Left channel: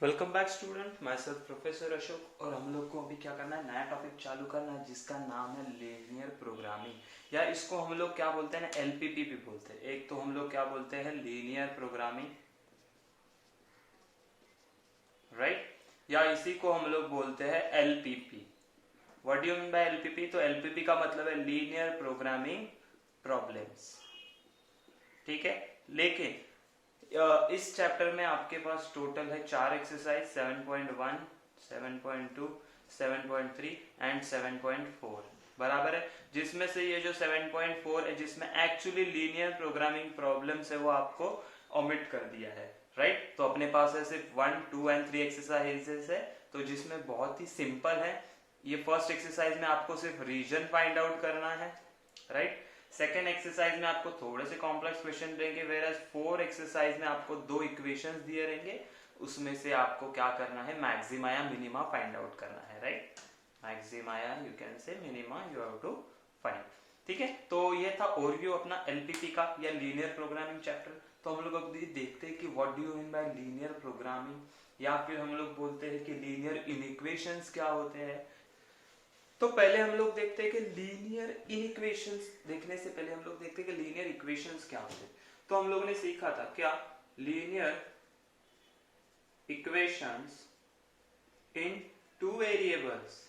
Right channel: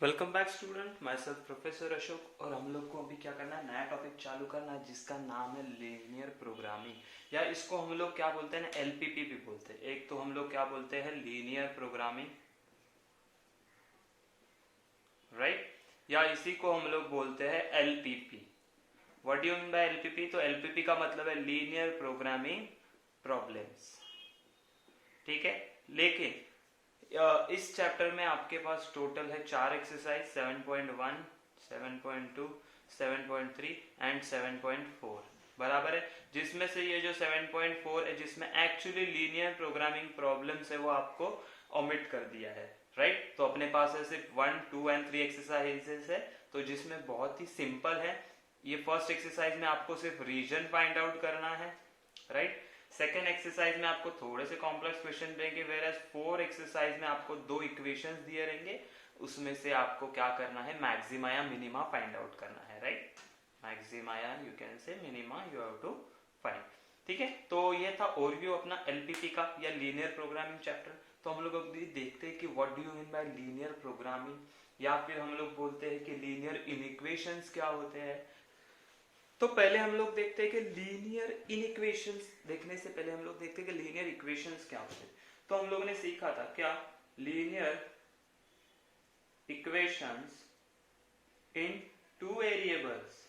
Welcome back student, my self professor Ashok. और हम लोग को अभी क्या करना है, नया टॉपिक चालू करना है जिसका नाम है लीनियर प्रोग्रामिंग, या इसको हम लोग क्या बोलते हैं ना, एलपीपी भी बोलते हैं। एक तो हम लोग क्या बोलते हैं, लीनियर प्रोग्रामिंग, राइट, या इसी को हम लोग बोलते हैं LPP. What do you mean by LPP? तो एलपीपी का मतलब है लीनियर प्रोग्रामिंग प्रॉब्लम्स, ठीक है। लेकिन इस चैप्टर में आपके पास टोटल है 4 एक्सरसाइज, 7.1, 7.2, 7.3 एंड 7.4, बराबर है। जिसमें से ये जो 7.4 है, जिसमें एक्चुअली लीनियर प्रोग्रामिंग प्रॉब्लम्स है, वो आपको ओमिट कर दिया है, राइट। तो अपने पास है सिर्फ 1, 2 एंड 3 एक्सरसाइजेस है, तो जिसमें बहुत ही सिंपल है। ये फर्स्ट एक्सरसाइज में आपको सिर्फ रीजन फाइंड आउट करना है, राइट। सेकेंड एक्सरसाइज में आपको थोड़े से कॉम्प्लेक्स क्वेश्चन देंगे, वेयर 4 एक्सरसाइज में आपको 2 इक्वेशंस दिए रहेंगे, उसमें से आपको क्या करना है, मैक्सिमा या मिनिमा फाइंड आउट करना है, राइट। मैक्सिमा या you can say minima you have to find, ठीक है। तो ये था ओवरव्यू अपना एलपीपी का या लीनियर प्रोग्रामिंग चैप्टर। तो हम लोग अभी देखते हैं कि what do you mean by linear programming, या फिर हम लोग बोलते हैं कि लीनियर इनइक्वेशंस क्या होते हैं। तो पहले हम लोग देखते हैं कि लीनियर इनइक्वेशंस, देखने से पहले हम लोग देखते हैं कि लीनियर इक्वेशंस क्या होते हैं। तो हम लोगों ने सीखा था क्या, लीनियर इक्वेशंस इन टू वेरिएबल्स।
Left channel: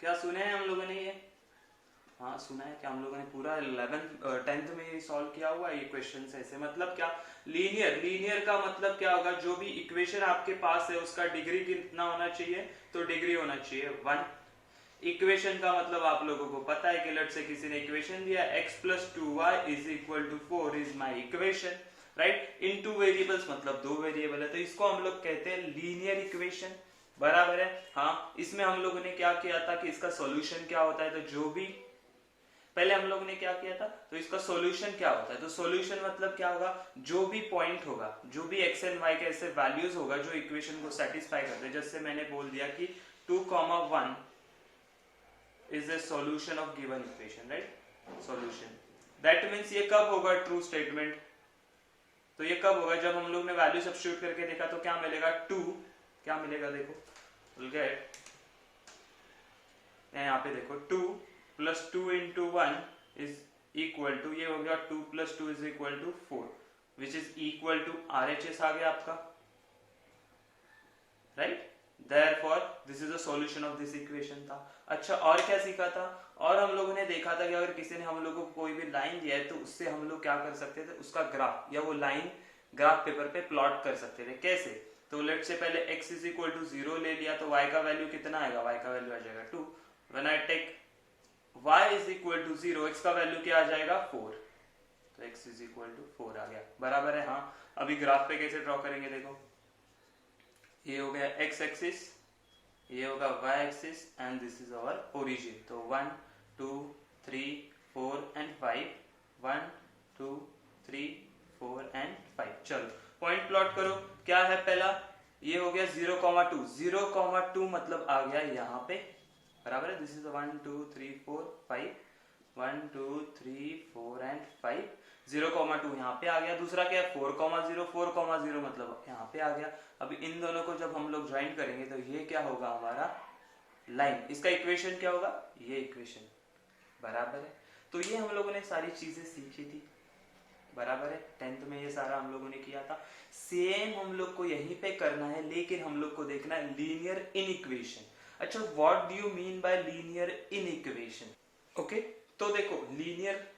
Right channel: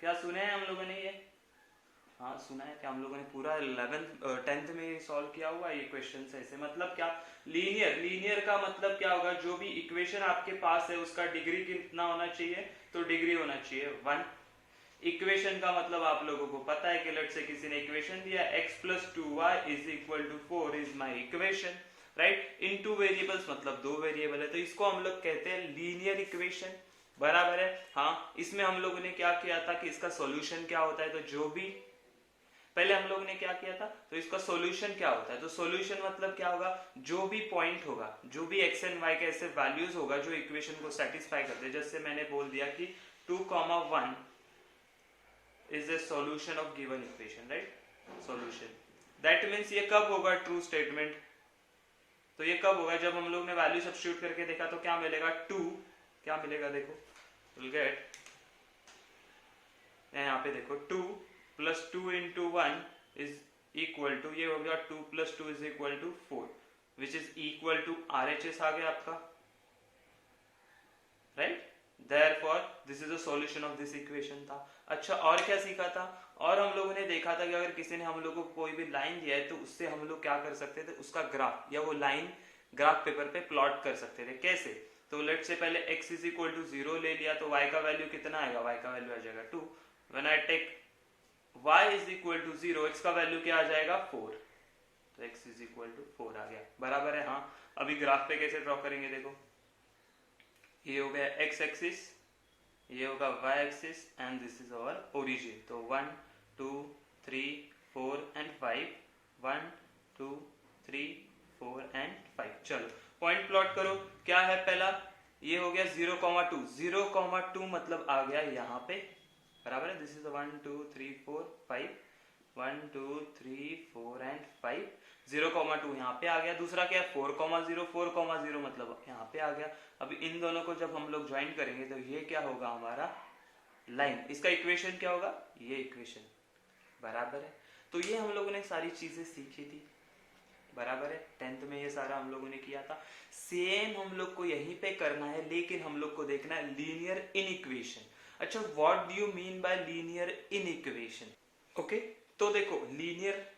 क्या सुने हैं हम लोगों ने ये? हाँ सुना है। क्या हम लोगों ने पूरा 11th 10th में सॉल्व किया हुआ ये क्वेश्चन ऐसे? मतलब क्या, लीनियर, लीनियर का मतलब क्या होगा, जो भी इक्वेशन आपके पास है उसका डिग्री कितना होना चाहिए, तो डिग्री होना चाहिए 1। इक्वेशन का मतलब आप लोगों को पता है कि लेट से किसी ने इक्वेशन दिया x plus 2y is equal to 4 is my equation, right. In two variables मतलब 2 वेरिएबल है, तो इसको हम लोग कहते हैं लीनियर इक्वेशन, बराबर है। हाँ, इसमें हम लोगों ने क्या किया था कि इसका सॉल्यूशन क्या होता है, तो जो भी पहले हम लोग ने क्या किया था, तो इसका सॉल्यूशन क्या होता है, तो सॉल्यूशन मतलब क्या होगा, जो भी पॉइंट होगा, जो भी एक्स एंड वाई के ऐसे वैल्यूज होगा जो इक्वेशन को सेटिस्फाई करते हैं। जैसे मैंने बोल दिया कि 2,1 is a solution of given equation, right? solution, that means ये कब होगा ट्रू स्टेटमेंट, तो ये कब होगा, जब हम लोग ने वैल्यू सब्स्टिट्यूट करके देखा तो क्या मिलेगा, 2, क्या मिलेगा देखो, विल गेट, यहाँ पे देखो 2 plus 2 into 1 is equal to, ये हो गया 2 plus 2 is equal to 4, which is equal to RHS आ गया आपका, right. Therefore this is a solution of this equation था। अच्छा, और क्या सीखा था, और हम लोगों ने देखा था कि अगर किसी ने हम लोगों को कोई भी लाइन दिया है तो उससे हम लोग क्या कर सकते थे, उसका ग्राफ या वो लाइन ग्राफ पेपर पे प्लॉट कर सकते थे। कैसे, तो लेट से पहले x इज इक्वल टू 0 ले लिया, तो y का वैल्यू कितना आएगा, y का वैल्यू आ जाएगा 2। When I take y is equal to 0, x का वैल्यू क्या आ जाएगा 4, तो x इज इक्वल टू 4 आ गया, बराबर है। हाँ, अभी ग्राफ पे कैसे ड्रॉ करेंगे देखो, ये हो गया x एक्सिस, ये होगा y axis and this is our origin. तो 1 2 3 4 एंड 5, 1 2 3 4 एंड 5। चलो पॉइंट प्लॉट करो, क्या है पहला, ये हो गया 0,2, 0,2 मतलब आ गया यहाँ पे, बराबर है। दिस इज 1 2 3 4 5, 1 2 3 4 एंड 5, 0,2 यहाँ पे आ गया। दूसरा क्या है 4,0, 4,0 मतलब यहाँ पे आ गया। अब इन दोनों को जब हम लोग ज्वाइन करेंगे तो ये क्या होगा हमारा लाइन, इसका इक्वेशन क्या होगा, ये इक्वेशन, बराबर है। तो ये हम लोगों ने सारी चीजें सीखी थी, बराबर है। 10th में ये सारा हम लोगों ने किया था। सेम हम लोग को यहीं पे करना है, लेकिन हम लोग को देखना है लीनियर इनइक्वेशन। अच्छा, what do you mean by linear inequation? Okay, तो देखो लीनियर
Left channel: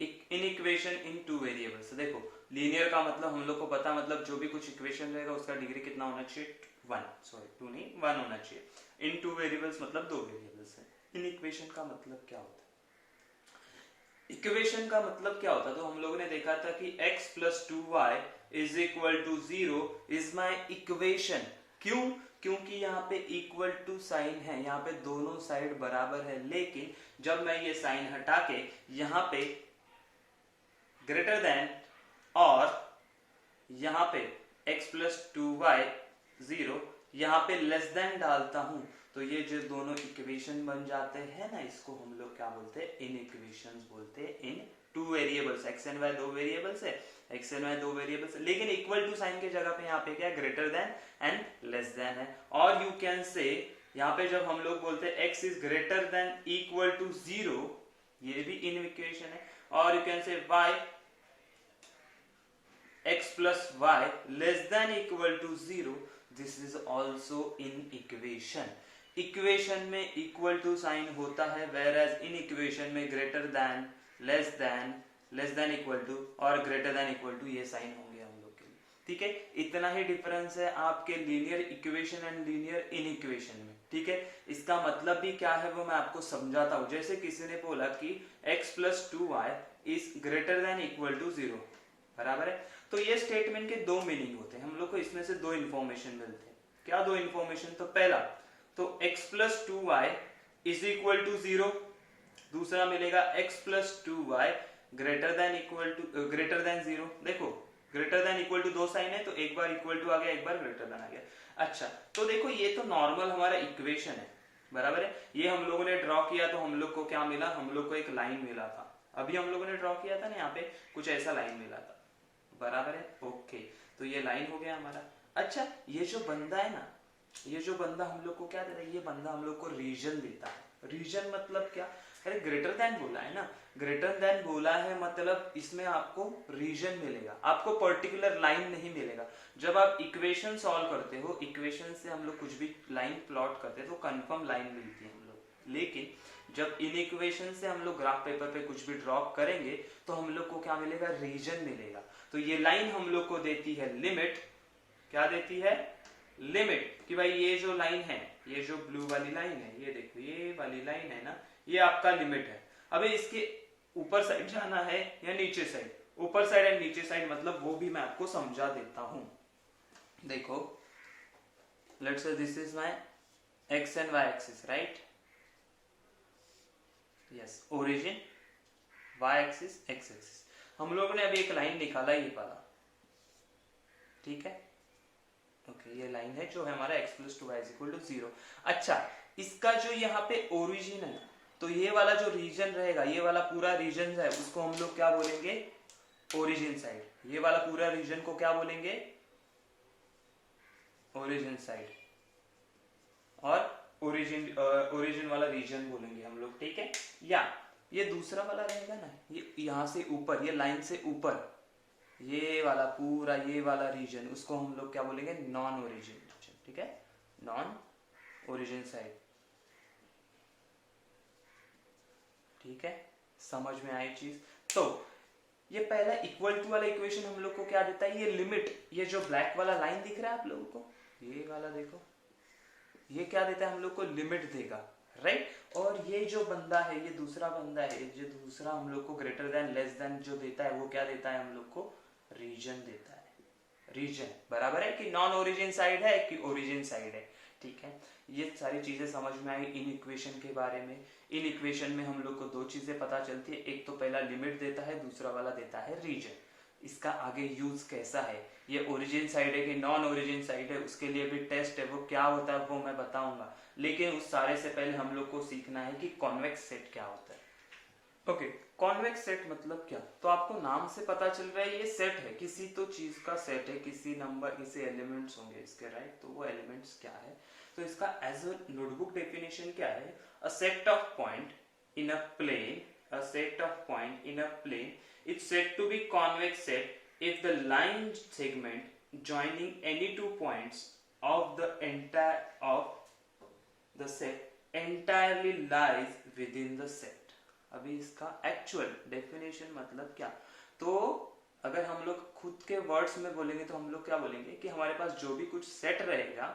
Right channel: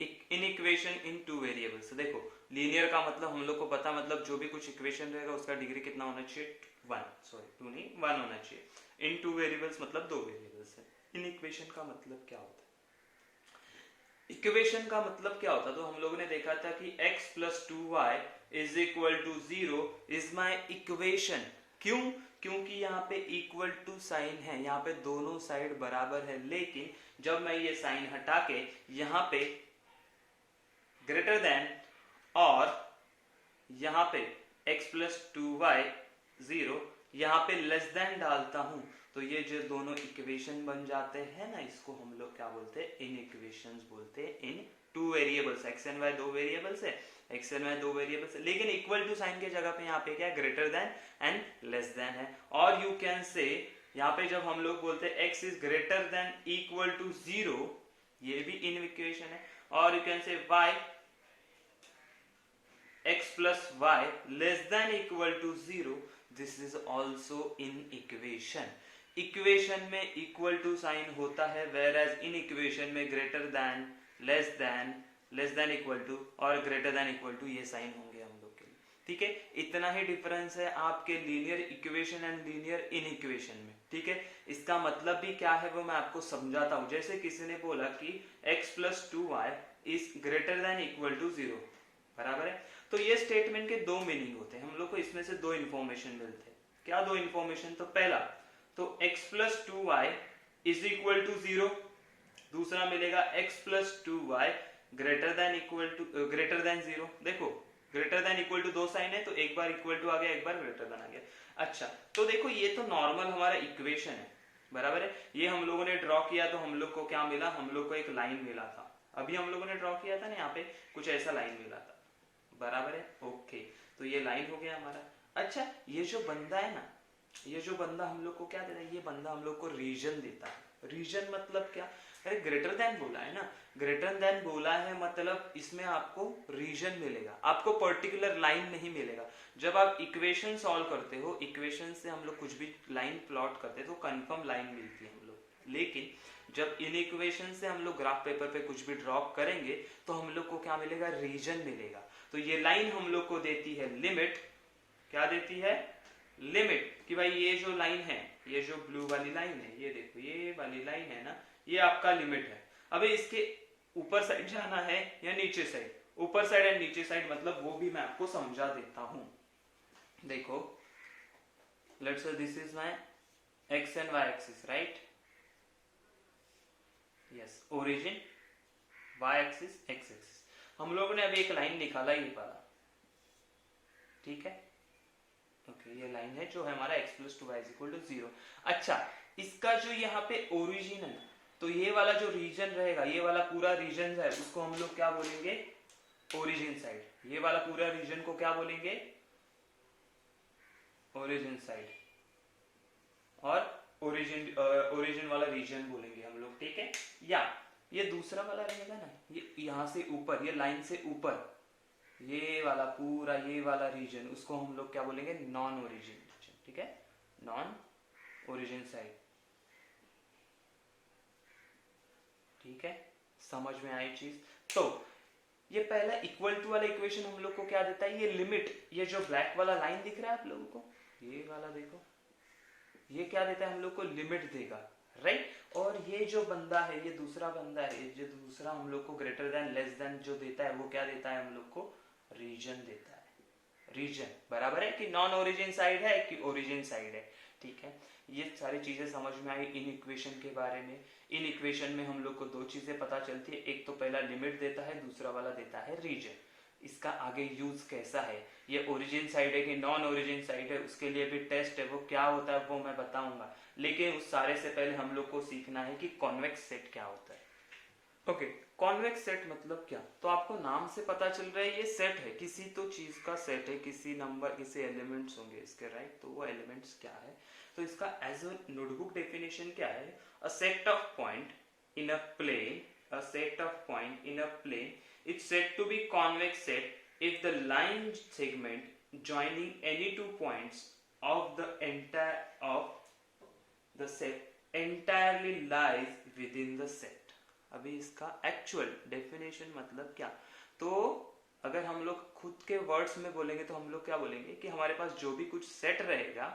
इनइक्वेशन इन टू वेरिएबल्स, देखो लीनियर का मतलब हम लोग को पता है, मतलब जो भी कुछ इक्वेशन रहेगा उसका डिग्री कितना होना चाहिए, 1, सॉरी 2 नहीं 1 होना चाहिए। इन टू वेरिएबल्स मतलब 2 वेरिएबल्स है। इन इक्वेशन का मतलब क्या होता है, इक्वेशन का मतलब क्या होता है, तो हम लोगों ने देखा था कि x plus 2y is equal to 0 is my equation. क्यों, क्योंकि यहाँ पे इक्वल टू साइन है, यहाँ पे दोनों साइड बराबर है, लेकिन जब मैं ये साइन हटा के यहाँ पे ग्रेटर देन और यहाँ पे x प्लस 2y 0, यहाँ पे लेस देन डालता हूं, तो ये जो दोनों इक्वेशन बन जाते हैं ना, इसको हम लोग क्या बोलते हैं, इन इक्वेशंस बोलते हैं। इन two variables, x and y 2 variables है, एक्सेल में दो वेरिएबल्स, लेकिन इक्वल टू साइन के जगह पे यहाँ पे क्या है, greater then and less then है। और यू कैन से यहाँ पे जब हम लोग बोलते हैं x is greater than equal to 0, ये भी इन इक्वेशन है। और you can say y x plus y less than equal to 0, this is also in equation। Equation में इक्वल टू साइन होता है, whereas इन इक्वेशन में greater than, less than equal to और greater than equal to ये sign होंगे हम लोग के लिए। ठीक है, इतना ही डिफरेंस है आपके linear equation and linear in equation में। ठीक है, इसका मतलब भी क्या है वो मैं आपको समझाता हूं। जैसे किसी ने बोला कि x plus 2y is greater than equal to 0, बराबर है, तो ये स्टेटमेंट के दो मीनिंग होते हैं। हम लोग को इसमें से दो इंफॉर्मेशन मिलते हैं। क्या दो इंफॉर्मेशन? तो पहला तो x plus 2y is equal to 0, दूसरा मिलेगा x plus 2y greater than equal to greater than 0। देखो ग्रेटर देन इक्वल टू दो साइन है, तो एक बार इक्वल टू आ गया, एक बार ग्रेटर देन आ गया। अच्छा, तो देखो ये तो नॉर्मल हमारा इक्वेशन है, बराबर है। ये हम लोगों ने ड्रॉ किया तो हम लोग को क्या मिला, हम लोग को एक लाइन मिला था। अभी हम लोगों ने ड्रॉ किया था ना, यहाँ पे कुछ ऐसा लाइन मिला था, बराबर है। ओके, तो ये लाइन हो गया हमारा। अच्छा, ये जो बंदा है ना, ये जो बंदा हम लोग को क्या देता है, ये बंदा हम लोग को रीजन देता है। रीजन मतलब क्या? अरे ग्रेटर देन बोला है ना, ग्रेटर देन बोला है मतलब इसमें आपको रीजन मिलेगा, आपको पर्टिकुलर लाइन नहीं मिलेगा। जब आप इक्वेशन सॉल्व करते हो, इक्वेशन से हम लोग कुछ भी लाइन प्लॉट करते हैं तो कंफर्म लाइन मिलती है हम लोग। लेकिन जब इन इक्वेशन से हम लोग ग्राफ पेपर पे कुछ भी ड्रॉ करेंगे तो हम लोग को क्या मिलेगा, रीजन मिलेगा। तो ये लाइन हम लोग को देती है लिमिट। क्या देती है? लिमिट, कि भाई ये जो लाइन है, ये जो ब्लू वाली लाइन है, ये देखो ये वाली लाइन है ना, ये आपका लिमिट है। अब इसके ऊपर साइड जाना है या नीचे साइड? ऊपर साइड एंड नीचे साइड मतलब वो भी मैं आपको समझा देता हूं। देखो, let's say this is my X and Y axis, right? Yes, origin Y axis, X axis. हम लोगों ने अभी एक लाइन निकाला ये वाला, ठीक है? ओके, ये लाइन है जो है हमारा x plus 2y is equal to 0। अच्छा, इसका जो यहाँ पे ओरिजिन है ना, तो ये वाला जो रीजन रहेगा, ये वाला पूरा रीजन है, उसको हम लोग क्या बोलेंगे? Origin side. ये वाला पूरा रीजन को क्या बोलेंगे? Origin side. और ओरिजिन वाला रीजन बोलेंगे हम लोग, ठीक है? या ये दूसरा वाला रहेगा ना, ये यहाँ से ऊपर, ये लाइन से ऊपर, ये वाला पूरा, ये वाला रीजन, उसको हम लोग क्या बोलेंगे? नॉन ओरिजिन रीजन, ठीक है? नॉन ओरिजिन साइड, ठीक है? समझ में आई चीज? तो ये पहला इक्वल टू वाला इक्वेशन हम लोग को क्या देता है? ये लिमिट, ये जो ब्लैक वाला लाइन दिख रहा है आप लोगों को, ये वाला देखो, ये क्या देता है हम लोग को? लिमिट देगा, राइट? और ये जो बंदा है, ये दूसरा बंदा है, जो दूसरा हम लोग को ग्रेटर देन लेस देन जो देता है, वो क्या देता है हम लोग को? रीजन देता है। रीजन, बराबर है कि नॉन ओरिजिन साइड है कि ओरिजिन साइड है, ठीक है? ये सारी चीजें समझ में आई इन इक्वेशन के बारे में। इन इक्वेशन में हम लोग को दो चीजें पता चलती है, एक तो पहला लिमिट देता है, दूसरा वाला देता है रीजन। इसका आगे यूज कैसा है, ये ओरिजिन साइड है कि नॉन ओरिजिन साइड है, उसके लिए भी टेस्ट है, वो क्या होता है वो मैं बताऊंगा। लेकिन उस सारे से पहले हम लोग को सीखना है कि कॉन्वेक्स सेट क्या होता है। ओके, कॉन्वेक्स सेट मतलब क्या? तो आपको नाम से पता चल रहा है ये सेट है, किसी तो चीज का सेट है, किसी नंबर, किसी एलिमेंट्स होंगे इसके, राइट? तो वो एलिमेंट्स क्या है? तो इसका एज अ नोटबुक डेफिनेशन क्या है? A set of point in a plane, a set of point in a plane is said to be convex set if the line segment joining any two points of the entire of the set entirely lies within the set। अभी इसका actual definition मतलब क्या? तो अगर हम लोग खुद के वर्ड्स में बोलेंगे तो हम लोग क्या बोलेंगे कि हमारे पास जो भी कुछ सेट रहेगा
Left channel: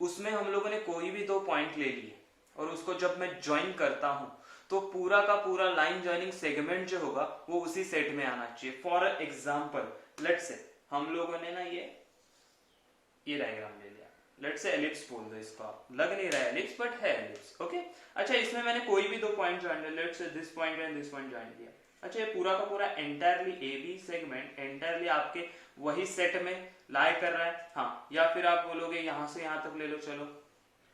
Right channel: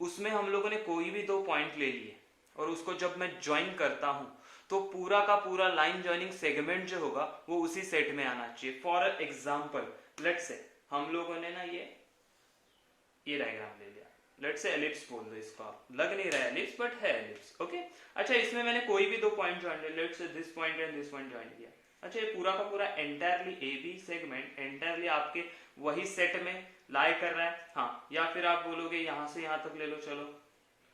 उसमें हम लोगों ने कोई भी दो पॉइंट ले लिए और उसको जब मैं ज्वाइन करता हूं तो पूरा का पूरा लाइन ज्वाइनिंग सेगमेंट जो होगा वो उसी सेट में आना चाहिए। फॉर एग्जाम्पल, लेट्स से हम लोगों ने ना ये डायग्राम ले लिया, लेट्स से एलिप्स बोल दो इसको, लग नहीं रहा है एलिप्स बट है एलिप्स, ओके? अच्छा, इसमें मैंने कोई भी दो पॉइंट ज्वाइन किया, let's say this point and this point join किया। अच्छा, ये पूरा का पूरा entirely A B segment entirely आपके वही सेट में लाई कर रहा है, हाँ? या फिर आप बोलोगे यहां से यहां तक ले लो, चलो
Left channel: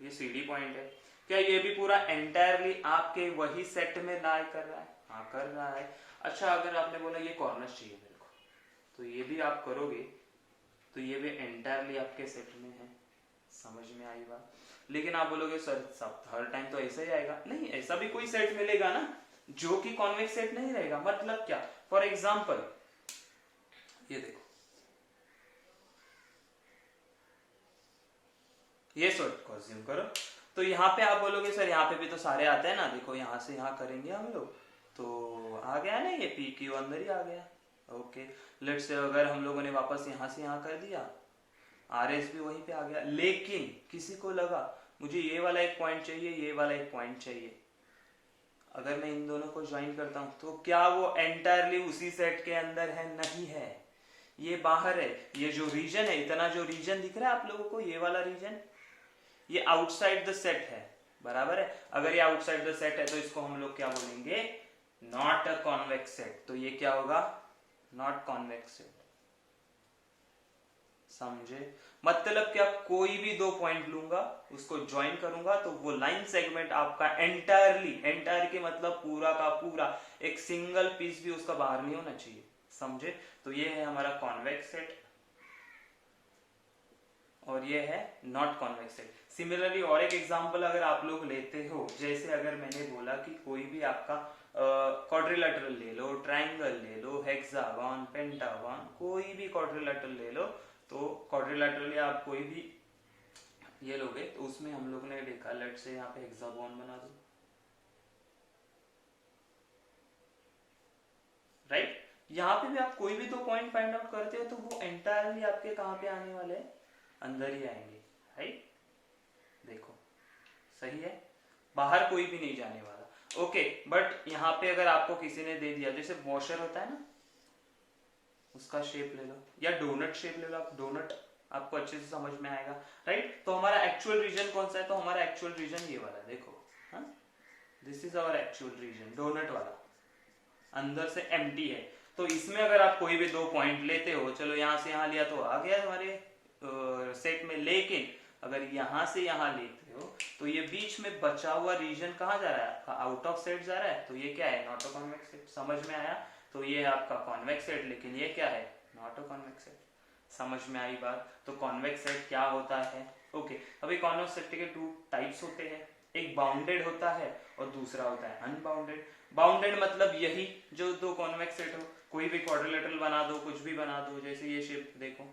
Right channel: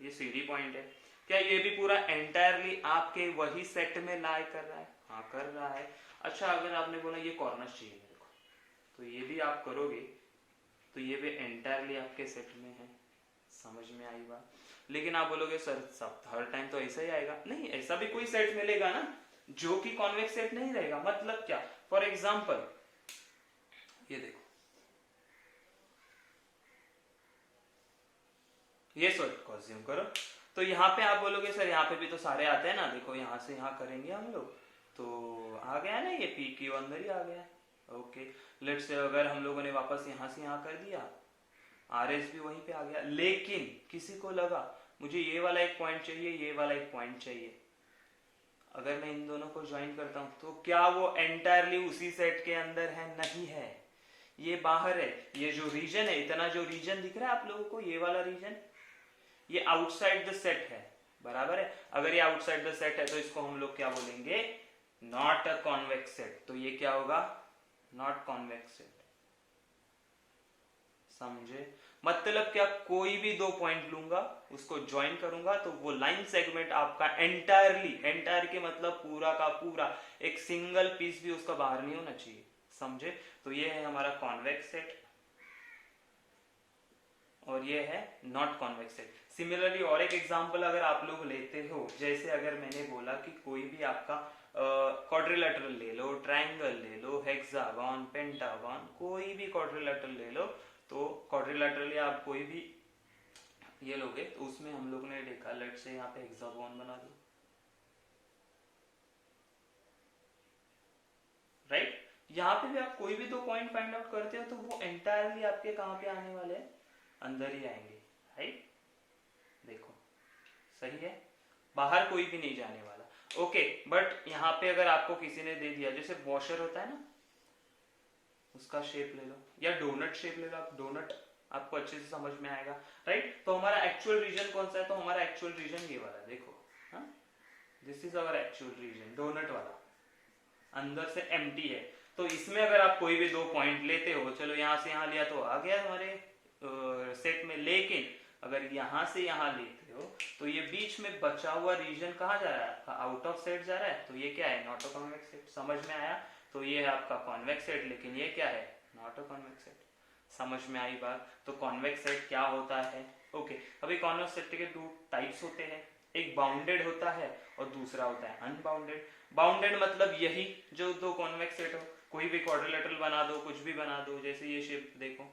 ये सी डी पॉइंट है, क्या ये भी पूरा एंटायरली आपके वही सेट में लाई कर रहा है? हाँ, कर रहा है। अच्छा, अगर आपने बोला ये कॉर्नर चाहिए मेरे को, तो ये भी आप करोगे तो ये भी एंटायरली आपके सेट में है। समझ में आई बात? लेकिन आप बोलोगे सर सब हर टाइम तो ऐसा ही आएगा, नहीं, ऐसा भी कोई सेट मिलेगा ना जो कि कॉन्वेक्स सेट नहीं रहेगा। मतलब क्या, फॉर एग्जाम्पल ये देखो, ये सेट को अज्यूम करो, तो यहाँ पे आप बोलोगे सर यहाँ पे भी तो सारे आते हैं ना, देखो यहाँ से यहाँ करेंगे हम लोग तो आ गया ना, ये पी क्यू अंदर ही आ गया। ओके, लेट्स से अगर हम लोगों ने वापस यहाँ से यहाँ कर दिया, आर एस भी वहीं पे आ गया, लेकिन किसी को लगा मुझे ये वाला एक पॉइंट चाहिए, ये वाला एक पॉइंट चाहिए, अगर मैं इन दोनों को ज्वाइन करता हूं तो क्या वो एंटायरली उसी सेट के अंदर है? नहीं है, ये बाहर है। ये जो रीजन है, इतना जो रीजन दिख रहा है आप लोगों को, ये वाला रीजन, ये आउटसाइड द सेट है, बराबर है। अगर ये आउटसाइड द सेट है तो इसको हम लोग क्या बोलेंगे? Not a convex set. तो ये क्या होगा? Not convex set. समझे? मतलब क्या, कोई भी दो पॉइंट लूंगा, उसको ज्वाइन करूंगा तो वो लाइन सेगमेंट आपका एंटायरली, एंटायर के मतलब पूरा का पूरा, एक सिंगल पीस भी उसका बाहर नहीं होना चाहिए। समझे? तो ये है हमारा कॉन्वेक्स सेट और ये है नॉट कॉन्वेक्स सेट। सिमिलरली और एक एग्जांपल अगर आप लोग लेते हो, जैसे अगर मैंने बोला कि कोई भी आपका क्वाड्रिलेटरल ले लो, ट्राइंगल ले लो, हेक्सागन, पेंटागन, कोई भी क्वाड्रिलेटरल ले लो, तो क्वाड्रिलेटरली आप कोई भी ये लोगे तो उसमें हम लोग ने देखा, लेट से यहाँ पे हेक्सागन बना दो, राइट? यहाँ पे भी आप कोई भी दो पॉइंट फाइंड आउट करते हो तो वो एंटायरली आपके कहाँ पे आने वाले हैं? अंदर ही आएंगे, राइट? देखो सही है, बाहर कोई भी नहीं जाने वाला। ओके, बट यहाँ पे अगर आपको किसी ने दे दिया, जैसे वॉशर होता है ना, उसका शेप ले लो, या डोनट शेप ले लो आप, डोनट आपको अच्छे से समझ में आएगा, राइट? तो हमारा एक्चुअल रीजन कौन सा है? तो हमारा एक्चुअल रीजन ये वाला, देखो, this is our actual region, donut वाला, अंदर से एम्प्टी है। तो इसमें अगर आप कोई भी दो पॉइंट लेते हो, चलो यहाँ से यहाँ लिया तो आ गया हमारे सेट में, लेकिन अगर यहाँ से यहाँ लेते हो तो ये बीच में बचा हुआ रीजन कहाँ जा रहा है? आपका आउट ऑफ सेट जा रहा है, तो ये क्या है? Not a convex set. समझ में आया? तो ये है आपका कॉन्वेक्स सेट, लेकिन ये क्या है? Not a convex set. समझ में आई बात? तो कॉन्वेक्स सेट क्या होता है? ओके, अभी कॉन्वेक्स सेट के टू टाइप्स होते हैं, एक बाउंडेड होता है और दूसरा होता है अनबाउंडेड। बाउंडेड मतलब यही जो दो कॉन्वेक्स सेट हो, कोई भी क्वाड्रिलेटरल बना दो, कुछ भी बना दो, जैसे ये शेप देखो,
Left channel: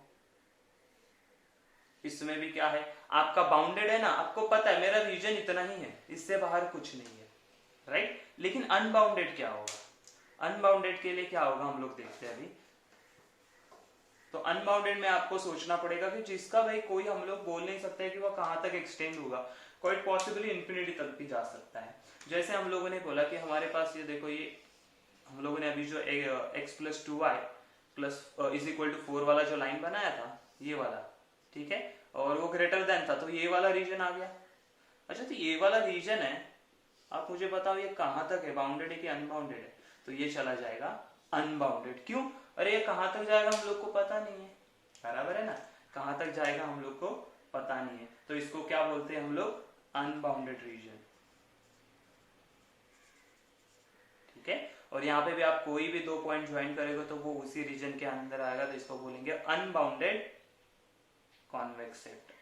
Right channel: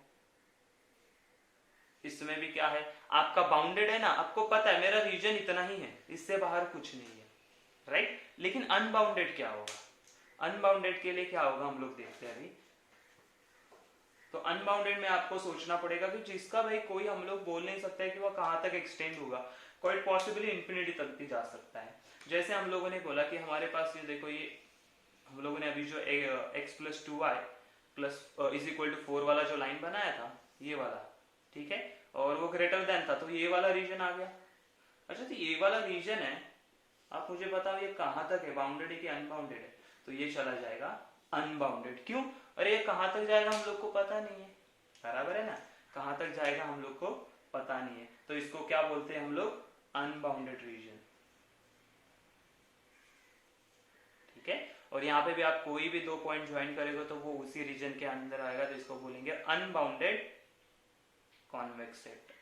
इसमें भी क्या है? आपका बाउंडेड है ना, आपको पता है मेरा रीजन इतना ही है, इससे बाहर कुछ नहीं है, राइट? लेकिन अनबाउंडेड क्या होगा? अनबाउंडेड के लिए क्या होगा हम लोग देखते हैं अभी। तो अनबाउंडेड में आपको सोचना पड़ेगा कि जिसका भाई कोई हम लोग बोल नहीं सकते कि वह कहां तक एक्सटेंड होगा, क्वाइट पॉसिबली इंफिनिटी तक भी जा सकता है। जैसे हम लोगों ने बोला कि हमारे पास ये देखो, ये हम लोगों ने अभी जो x plus 2y plus is equal to 4 वाला जो लाइन बनाया था, ये वाला, ठीक है, और वो ग्रेटर देन था, तो ये वाला रीजन आ गया। अच्छा, तो ये वाला रीजन है, आप मुझे बताओ ये कहां तक है? बाउंडेड है कि अनबाउंडेड है? तो ये चला जाएगा अनबाउंडेड। क्यों? अरे ये कहां तक जाएगा हम लोग को पता नहीं है, बराबर है ना? कहां तक जाएगा हम लोग को पता नहीं है, तो इसको क्या बोलते हैं हम लोग? अनबाउंडेड रीजन, ठीक है। और यहाँ पे भी आप कोई भी दो पॉइंट ज्वाइन करेगा तो वो उसी रीजन के अंदर आएगा, तो इसको बोलेंगे अनबाउंडेड कॉन्वेक्स सेट।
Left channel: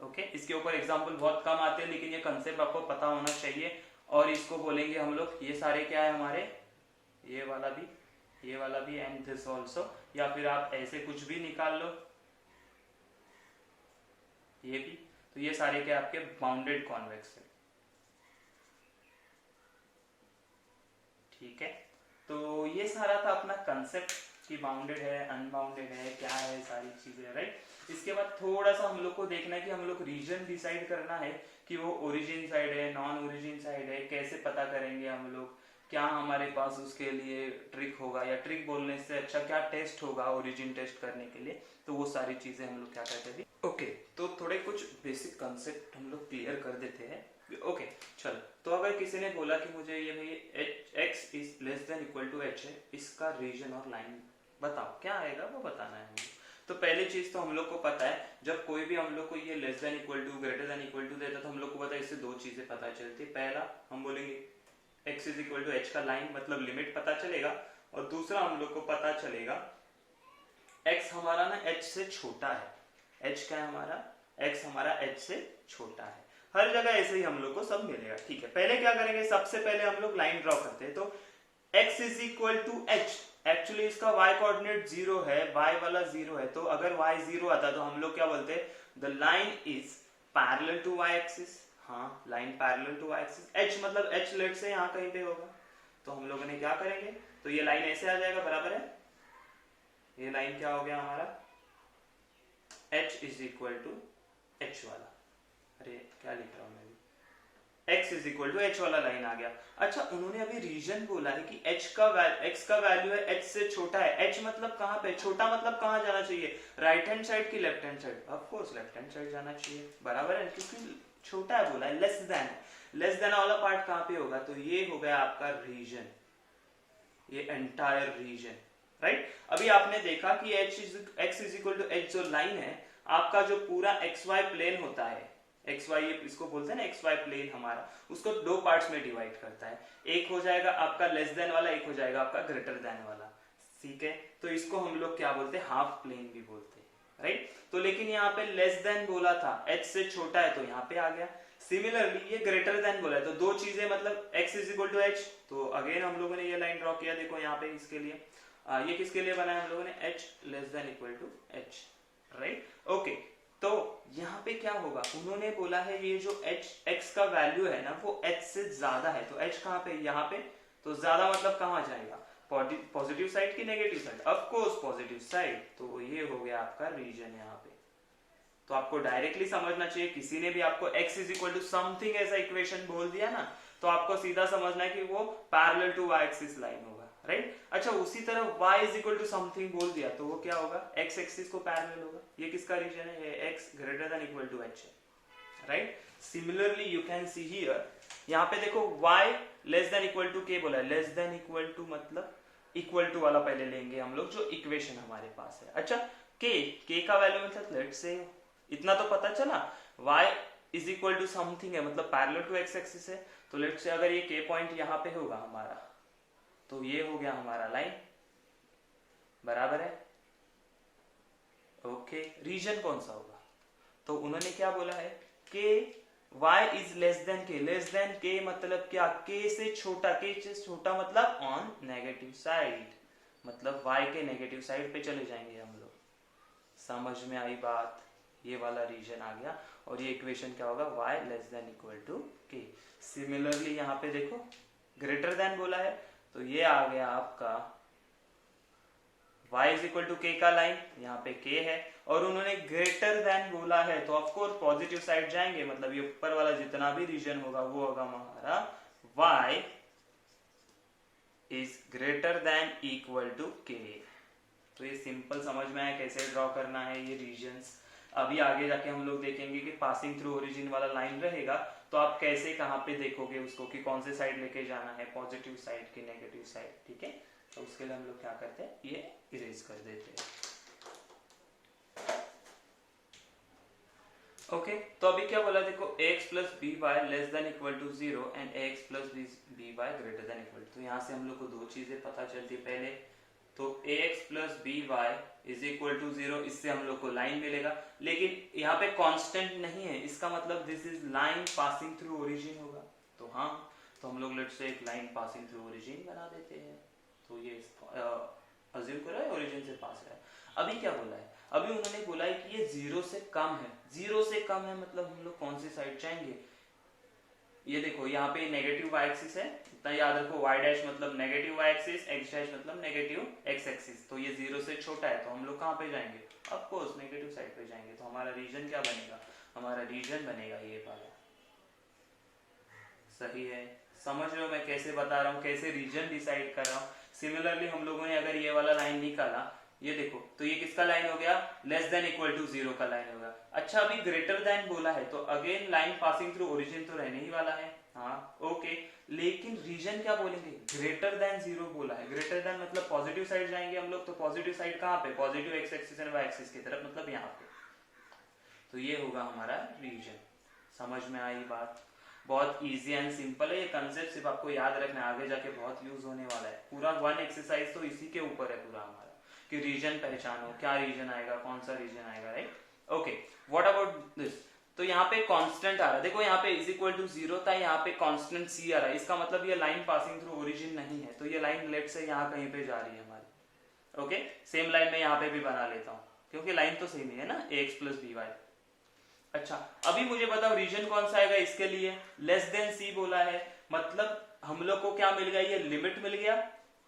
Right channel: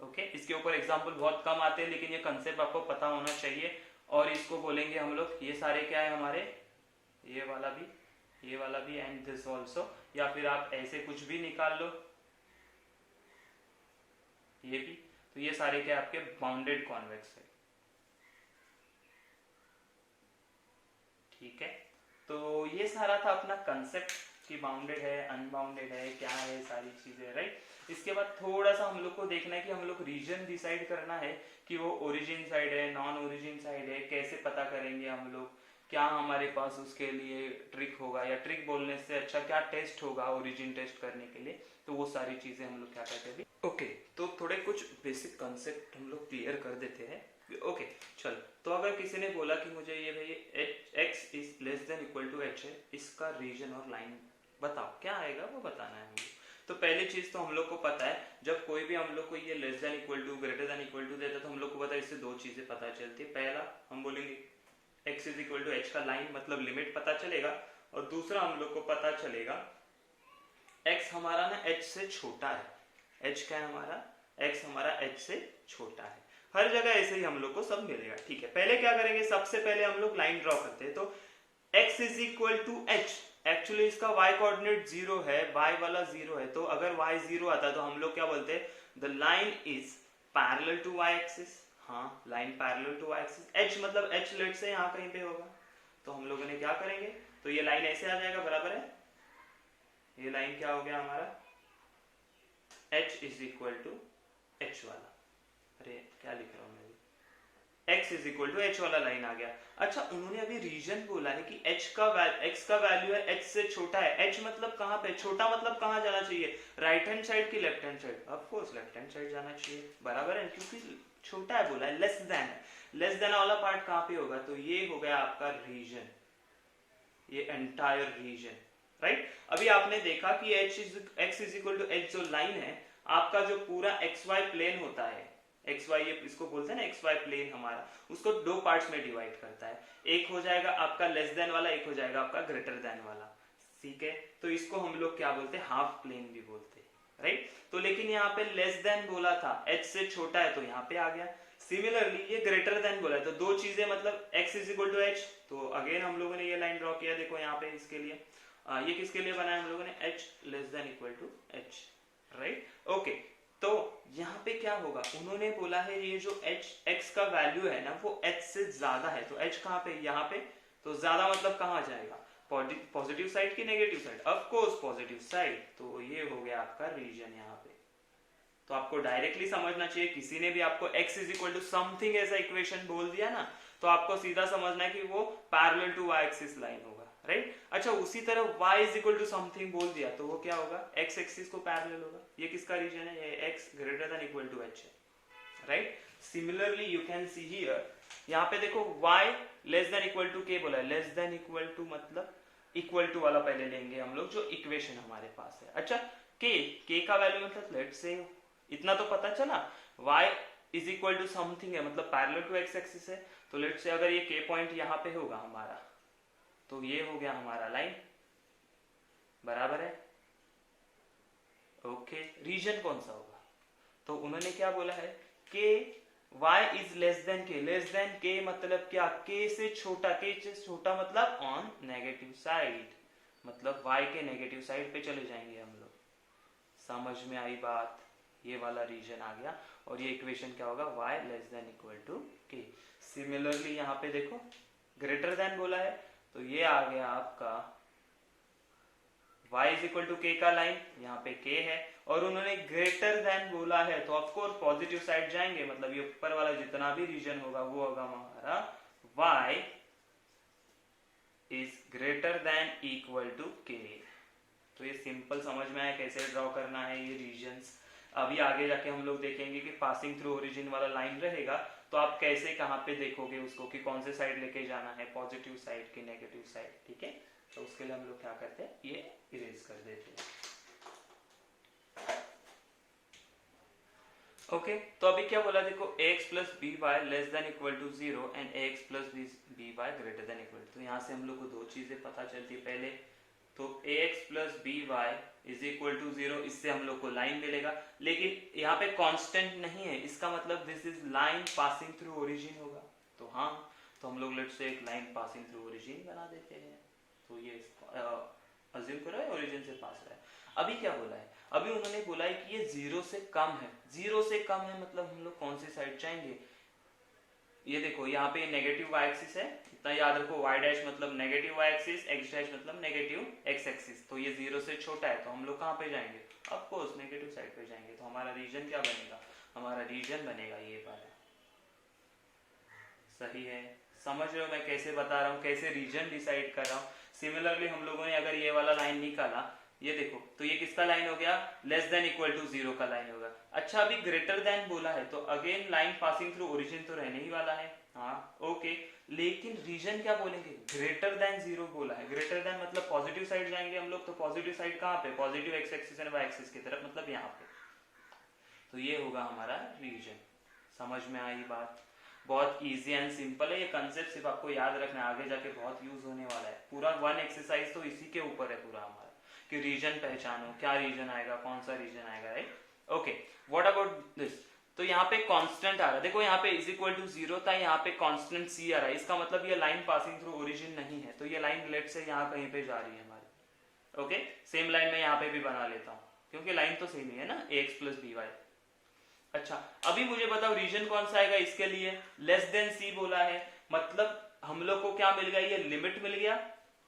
ओके, इसके ऊपर एग्जांपल बहुत कम आते हैं, लेकिन ये कंसेप्ट आपको पता होना चाहिए। और इसको बोलेंगे हम लोग, ये सारे क्या है हमारे, ये वाला भी, ये वाला भी, एंड दिस ऑल्सो, या फिर आप ऐसे कुछ भी निकाल लो, ये भी, तो ये सारे क्या आपके बाउंडेड कॉन्वेक्स है, ठीक है। तो ये सारा था अपना कंसेप्ट कि बाउंडेड है, अनबाउंडेड है, क्या है, सारी चीजें, राइट। इसके बाद थोड़ा सा हम लोग को देखना है कि हम लोग रीजन डिसाइड करना है कि वो ओरिजिन साइड है, नॉन ओरिजिन साइड है, कैसे पता करेंगे हम लोग, क्या हमारे पास उसके लिए ट्रिक होगा, या ट्रिक बोलने से अच्छा क्या टेस्ट होगा ओरिजिन टेस्ट करने के लिए, तो वो सारी चीजें हम लोग क्या करते हैं। ओके, तो थोड़े कुछ बेसिक कंसेप्ट हम लोग क्लियर कर देते हैं। ओके, चलो, तो अगर किसी ने बोला कि मुझे ये भाई x is less than equal to h है, इसका रीजन और लाइन बताओ, क्या आएगा वो बताना है मुझे। तो पहली चीज तो हम लोग को पता है, जब कोई भी हम लोग को ये less than equal to, greater than equal to देता है, तो हम लोग को पता है इससे दो चीजें पता चलती है। पहला हम बोलेंगे x is equal to h का लाइन मतलब लिमिट पता चलेगा, और दूसरा हम लोग को पता चलेगा x हमारा ना h से छोटा है। h क्या है हमारा, x हमारा h से छोटा है। हर जगह ऐसे ही हम लोग को सब मिलेगा। ठीक है, पहले क्या करेंगे, सबसे पहले हम लोग लाइन ड्रॉ करते हैं। तो x is equal to h, actually इसका y कोऑर्डिनेट 0 है, y वाला 0 है, तो अगर y 0 आता तो हम लोग क्या बोलते हैं, the line is parallel to y axis. हाँ, line parallel to y axis. h मतलब h लेट से यहाँ कहीं पे होगा, तो हम लोगों ने क्या करेंगे, तो ये लाइन ऐसे आ जाएगा, बराबर है। ये लाइन क्या हो गया हमारा, h is equal to h वाला, अरे क्या लिख रहा हूं मैं, x is equal to h वाला लाइन आ गया। अच्छा, उन्होंने अभी रीजन बोला है कि x का वैल्यू है h से छोटा है। h मतलब कहाँ पे, छोटा मतलब कहाँ जाना चाहिए, राइट हैंड साइड की left hand side, of course left hand side जाना चाहिए, बराबर है, क्योंकि छोटा है बोला है, लेस देन है। लेस देन वाला पार्ट कहाँ पे होगा, तो ये हो गया आपका रीजन, ये एंटायर रीजन, राइट। अभी आपने देखा कि x is equal to h जो लाइन है, आपका जो पूरा xy प्लेन होता है, xy ये इसको बोलते हैं ना, xy प्लेन हमारा, उसको दो पार्ट्स में डिवाइड करता है। एक हो जाएगा आपका लेस देन वाला, एक हो जाएगा आपका ग्रेटर देन वाला, ठीक है। तो इसको हम लोग क्या बोलते हैं, हाफ प्लेन भी बोलते हैं, राइट। तो लेकिन यहाँ पे लेस देन बोला था, h से छोटा है, तो यहाँ पे आ गया। सिमिलरली ये ग्रेटर देन बोला है, तो दो चीजें मतलब x is equal to h, तो अगेन हम लोगों ने ये लाइन ड्रॉ किया, देखो यहाँ पे इसके लिए, ये किसके लिए बनाया हम लोगों ने, h less than equal to h, right, okay. तो यहाँ पे क्या होगा, उन्होंने बोला है ये जो x का वैल्यू है ना, वो h से ज्यादा है, तो h कहाँ पे, यहाँ पे, तो ज्यादा मतलब कहाँ जाएगा, पॉजिटिव साइड की negative side, of course positive side, तो ये हो गया आपका रीजन यहाँ पे। तो आपको डायरेक्टली समझना चाहिए, किसी ने भी आपको x is equal to something ऐसा इक्वेशन बोल दिया ना, तो आपको सीधा समझना है कि वो parallel to y axis line होगा, राइट। अच्छा, उसी तरह y is equal to something बोल दिया, तो वो क्या होगा, x एक्सिस को पैरेलल होगा। ये किसका रीजन है, ये x greater than equal to h है, right. Similarly you can see here, यहाँ पे देखो y less than equal to k बोला है, लेस देन इक्वल टू मतलब इक्वल टू वाला पहले लेंगे हम लोग, जो इक्वेशन हमारे पास है। अच्छा, k का वैल्यू मतलब लेट से, इतना तो पता चला, y is equal to something है, मतलब पैरेलल टू x एक्सिस है, तो लेट से अगर ये k पॉइंट यहाँ पे होगा हमारा, तो ये हो गया हमारा लाइन, बराबर है, ओके। रीजन कौन सा होगा, तो उन्होंने क्या बोला है, k y is less then k, less than k मतलब क्या, k से छोटा, k से छोटा मतलब ऑन नेगेटिव साइड, मतलब y के नेगेटिव साइड पे चले जाएंगे हम लोग। समझ में आई बात, ये वाला रीजन आ गया, और ये इक्वेशन क्या होगा, y less than equal to k। Similarly यहाँ पे देखो ग्रेटर देन बोला है, तो ये आ गया आपका y is equal to k का लाइन, यहाँ पे k है, और उन्होंने ग्रेटर देन बोला है, तो ऑफकोर्स पॉजिटिव साइड जाएंगे, मतलब ये ऊपर वाला जितना भी रीजन होगा वो होगा हमारा y is greater than equal to k। तो ये सिंपल समझ में आया कैसे ड्रॉ करना है ये रीजन्स। अभी आगे जाके हम लोग देखेंगे कि पासिंग थ्रू ओरिजिन वाला लाइन रहेगा, तो आप कैसे कहाँ पे देखोगे उसको, कि कौन से साइड लेके जाना है, पॉजिटिव साइड की नेगेटिव साइड, ठीक है। तो उसके लिए हम लोग क्या करते हैं, ये इरेज कर देते हैं, ओके। तो अभी क्या बोला देखो, ax plus B Y less than equal to 0 and ax plus B Y greater than equal to, यहाँ से हम लोग को दो चीजें पता चलती है। पहले तो ax plus B Y is equal to 0, इससे हम लोग को लाइन मिलेगा, लेकिन यहाँ पे कांस्टेंट नहीं है, इसका मतलब this is line passing through origin होगा। तो हाँ, तो हम लोग लेट्स से एक लाइन पासिंग थ्रू ओरिजिन बना देते हैं, तो ये अज्यूम करो ओरिजिन से पास है। अभी क्या बोला है, अभी उन्होंने बोला है कि ये 0 से कम है, 0 से कम है मतलब हम लोग कौन सी साइड जाएंगे, ये देखो यहाँ पे नेगेटिव y एक्सिस है, इतना याद रखो, y डैश मतलब negative y axis, x dash मतलब नेगेटिव x एक्सिस, तो ये 0 से छोटा है, तो हम लोग कहाँ पे जाएंगे, ऑफ कोर्स नेगेटिव साइड पे जाएंगे। तो हमारा रीजन क्या बनेगा, हमारा रीजन बनेगा ये वाला, सही है। समझ रहे हो मैं कैसे बता रहा हूँ, कैसे रीजन डिसाइड कर रहा हूँ। सिमिलरली हम लोगों ने अगर ये वाला लाइन निकाला, ये देखो, तो ये किसका लाइन हो गया, लेस देन इक्वल टू 0 का लाइन होगा। अच्छा, अभी ग्रेटर देन बोला है, तो again line passing through origin तो रहने ही वाला है, हाँ ओके। लेकिन रीजन क्या बोलेंगे, ग्रेटर देन 0 बोला है, ग्रेटर देन मतलब पॉजिटिव साइड जाएंगे हम लोग, तो पॉजिटिव साइड कहाँ पे, positive X axis and Y axis की तरफ, मतलब यहाँ पे, तो ये होगा हमारा रीजन। समझ में आई बात। बहुत इजी एंड सिंपल है। ये कंसेप्ट सिर्फ आपको याद रखना है, आगे जाके बहुत यूज होने वाला है। पूरा वन एक्सरसाइज तो इसी के ऊपर है पूरा हमारा, कि रीजन पहचानो, क्या रीजन आएगा, कौन सा रीजन आएगा, right. Okay, what about this. तो यहाँ पे कांस्टेंट आ रहा है, देखो यहाँ पे इज इक्वल टू 0 था, यहाँ पे कांस्टेंट सी आ रहा है, इसका मतलब ये लाइन पासिंग थ्रू ओरिजिन नहीं है, तो ये लाइन लेट से यहाँ कहीं पे जा रही है हमारी। ओके, सेम लाइन में यहाँ पे भी बना लेता हूँ, क्योंकि लाइन तो सेम ही है ना, ax प्लस बी वाई। अच्छा, अभी मुझे बताओ रीजन कौन सा आएगा इसके लिए, लेस देन सी बोला है, मतलब हम लोग को क्या मिल गया, ये लिमिट मिल गया।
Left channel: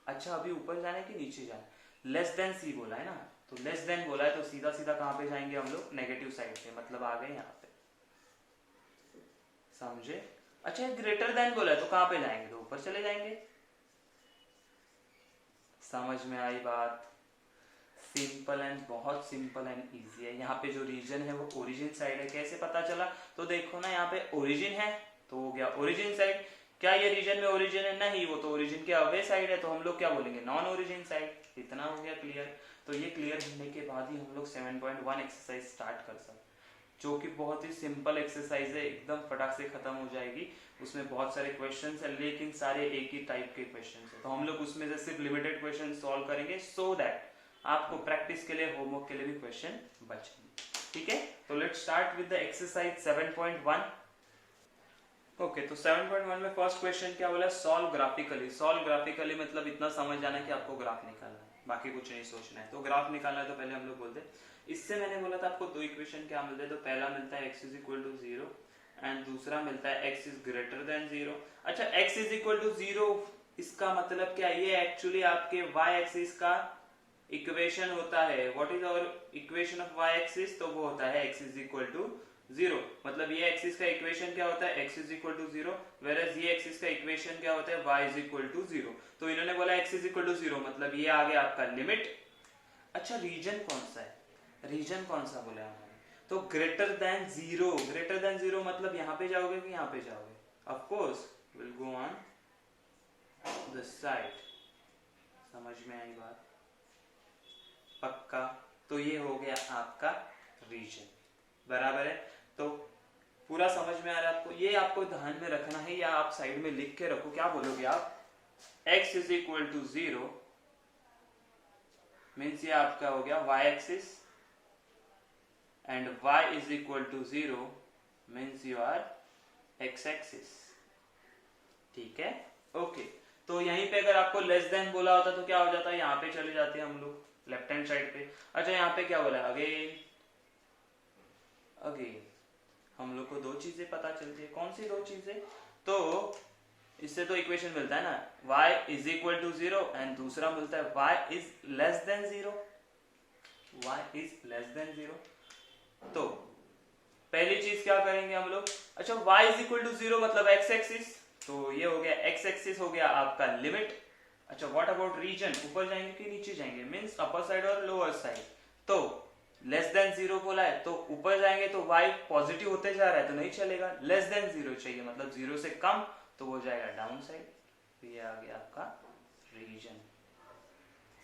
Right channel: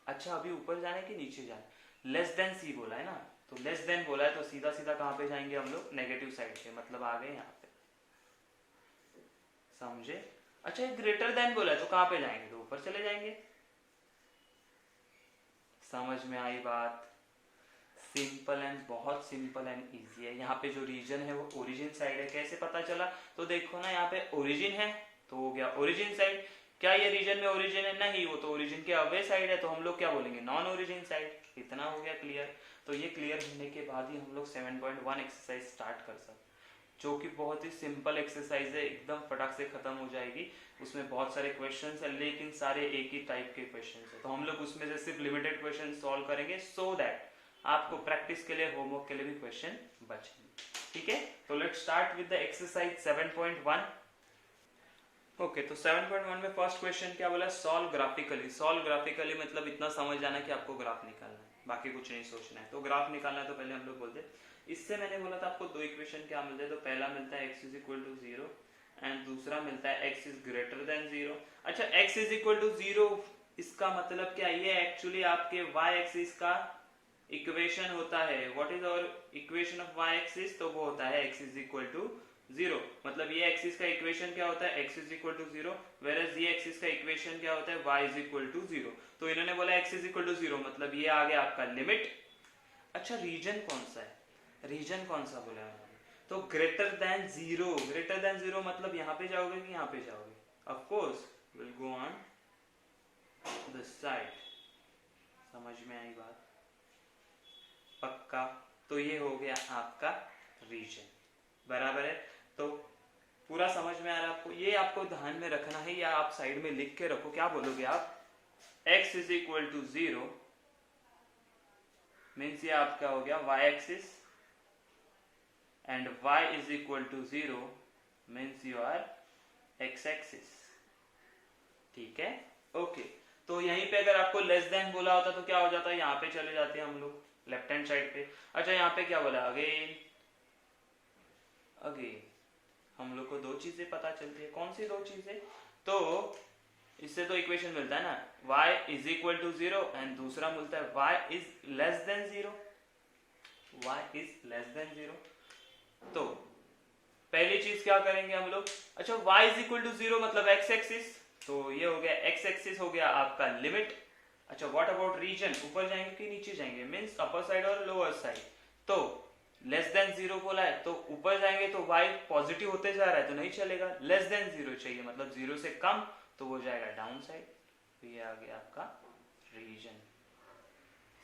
अच्छा, अभी ऊपर जाना है कि नीचे जाना है, लेस देन सी बोला है ना, तो लेस देन बोला है तो सीधा सीधा कहां पे जाएंगे हम लोग, नेगेटिव साइड पे, मतलब आ गए यहाँ पे, समझे। अच्छा, ग्रेटर देन बोला है तो कहां पे जाएंगे, तो ऊपर चले जाएंगे। समझ में आई बात, सिंपल एंड बहुत सिंपल एंड इजी है। यहाँ पे जो रीजन है वो ओरिजिन साइड है, कैसे पता चला, तो देखो ना यहाँ पे ओरिजिन है तो हो गया ओरिजिन साइड। क्या ये रीजन में ओरिजिन है, नहीं, वो तो ओरिजिन के अवे साइड है, तो हम लोग क्या बोलेंगे, नॉन ओरिजिन साइड। इतना हो गया क्लियर। तो ये क्लियर होने के बाद ही हम लोग 7.1 एक्सरसाइज स्टार्ट कर सकते, जो कि बहुत ही सिंपल एक्सरसाइज है, एकदम फटाक से खत्म हो जाएगी। उसमें बहुत सारे क्वेश्चंस है, लेकिन सारे एक ही टाइप के क्वेश्चंस है, तो हम लोग उसमें से सिर्फ लिमिटेड क्वेश्चन सॉल्व करेंगे, सो दैट आपको प्रैक्टिस के लिए, होमवर्क के लिए भी क्वेश्चन बचेंगे। ठीक है, तो let's start with the exercise 7.1। Okay, तो 7.1 में फर्स्ट क्वेश्चन क्या बोला, सॉल्व ग्राफिकली। सॉल्व ग्राफिकली मतलब इतना समझ जाना कि आपको ग्राफ निकालना है, बाकी कुछ नहीं सोचना है। तो ग्राफ निकालना है तो पहले हम लोग बोलते हैं, इससे मैंने बोला था आपको दो इक्वेशन क्या मिलते हैं, तो पहला मिलता है x is equal to 0 and दूसरा मिलता है x इज ग्रेटर देन 0। अच्छा, x इज इक्वल टू 0 इसका मतलब क्या, ये एक्चुअली आपके y एक्सिस का इक्वेशन होता है। What is our equation of y axis, तो वो होता है x इज इक्वल टू 0, मतलब ये एक्सिस का इक्वेशन क्या होता है, x is equal to 0, whereas ये एक्सिस का इक्वेशन क्या होता है, y इज इक्वल टू 0। तो इन्होंने बोला x इज इक्वल टू 0, मतलब ये आ गया आपका लिमिट। अच्छा, रीजन कौन सा है, रीजन कौन सा बोला है, तो ग्रेटर देन 0। ग्रेटर देन 0 मतलब यहाँ पे जाओगे कि यहाँ पे जाओगे, of course will go on this side. समझ में आई बात, पक्का। तो ये हो गया आपका रीजन, बराबर है। तो पूरा समझ में आ रहा है आपको, ये आपको ध्यान में रखना है, या आप साइड में लिख के रखो। क्या बोलोगे आप, x is equal to 0 means ये आपका हो गया y axis, and y is equal to 0 means you are x axis. ठीक है, ओके। तो यहीं पे अगर आपको लेस देन बोला होता तो क्या हो जाता है, यहाँ पे चले जाते हैं हम लोग लेफ्ट हैंड साइड पे। अच्छा, यहाँ पे क्या बोला, अगेन अगेन हम लोग को दो चीजें पता चलती है, कौन सी दो चीजें, तो इससे तो इक्वेशन मिलता है ना, y is equal to 0 and दूसरा मिलता है y is less than 0, y is less than 0। तो पहली चीज क्या करेंगे हम लोग, अच्छा y इज इक्वल टू 0 मतलब x एक्सिस, तो ये हो गया x एक्सिस हो गया आपका लिमिट। अच्छा, व्हाट अबाउट रीजन, ऊपर जाएंगे कि नीचे जाएंगे, मींस अपर साइड और लोअर साइड। तो लेस देन 0 बोला है तो ऊपर जाएंगे तो y पॉजिटिव होते जा रहा है तो नहीं चलेगा, लेस देन 0 चाहिए, मतलब 0 से कम, तो वो जाएगा डाउन साइड। तो ये आ गया आपका रीजन।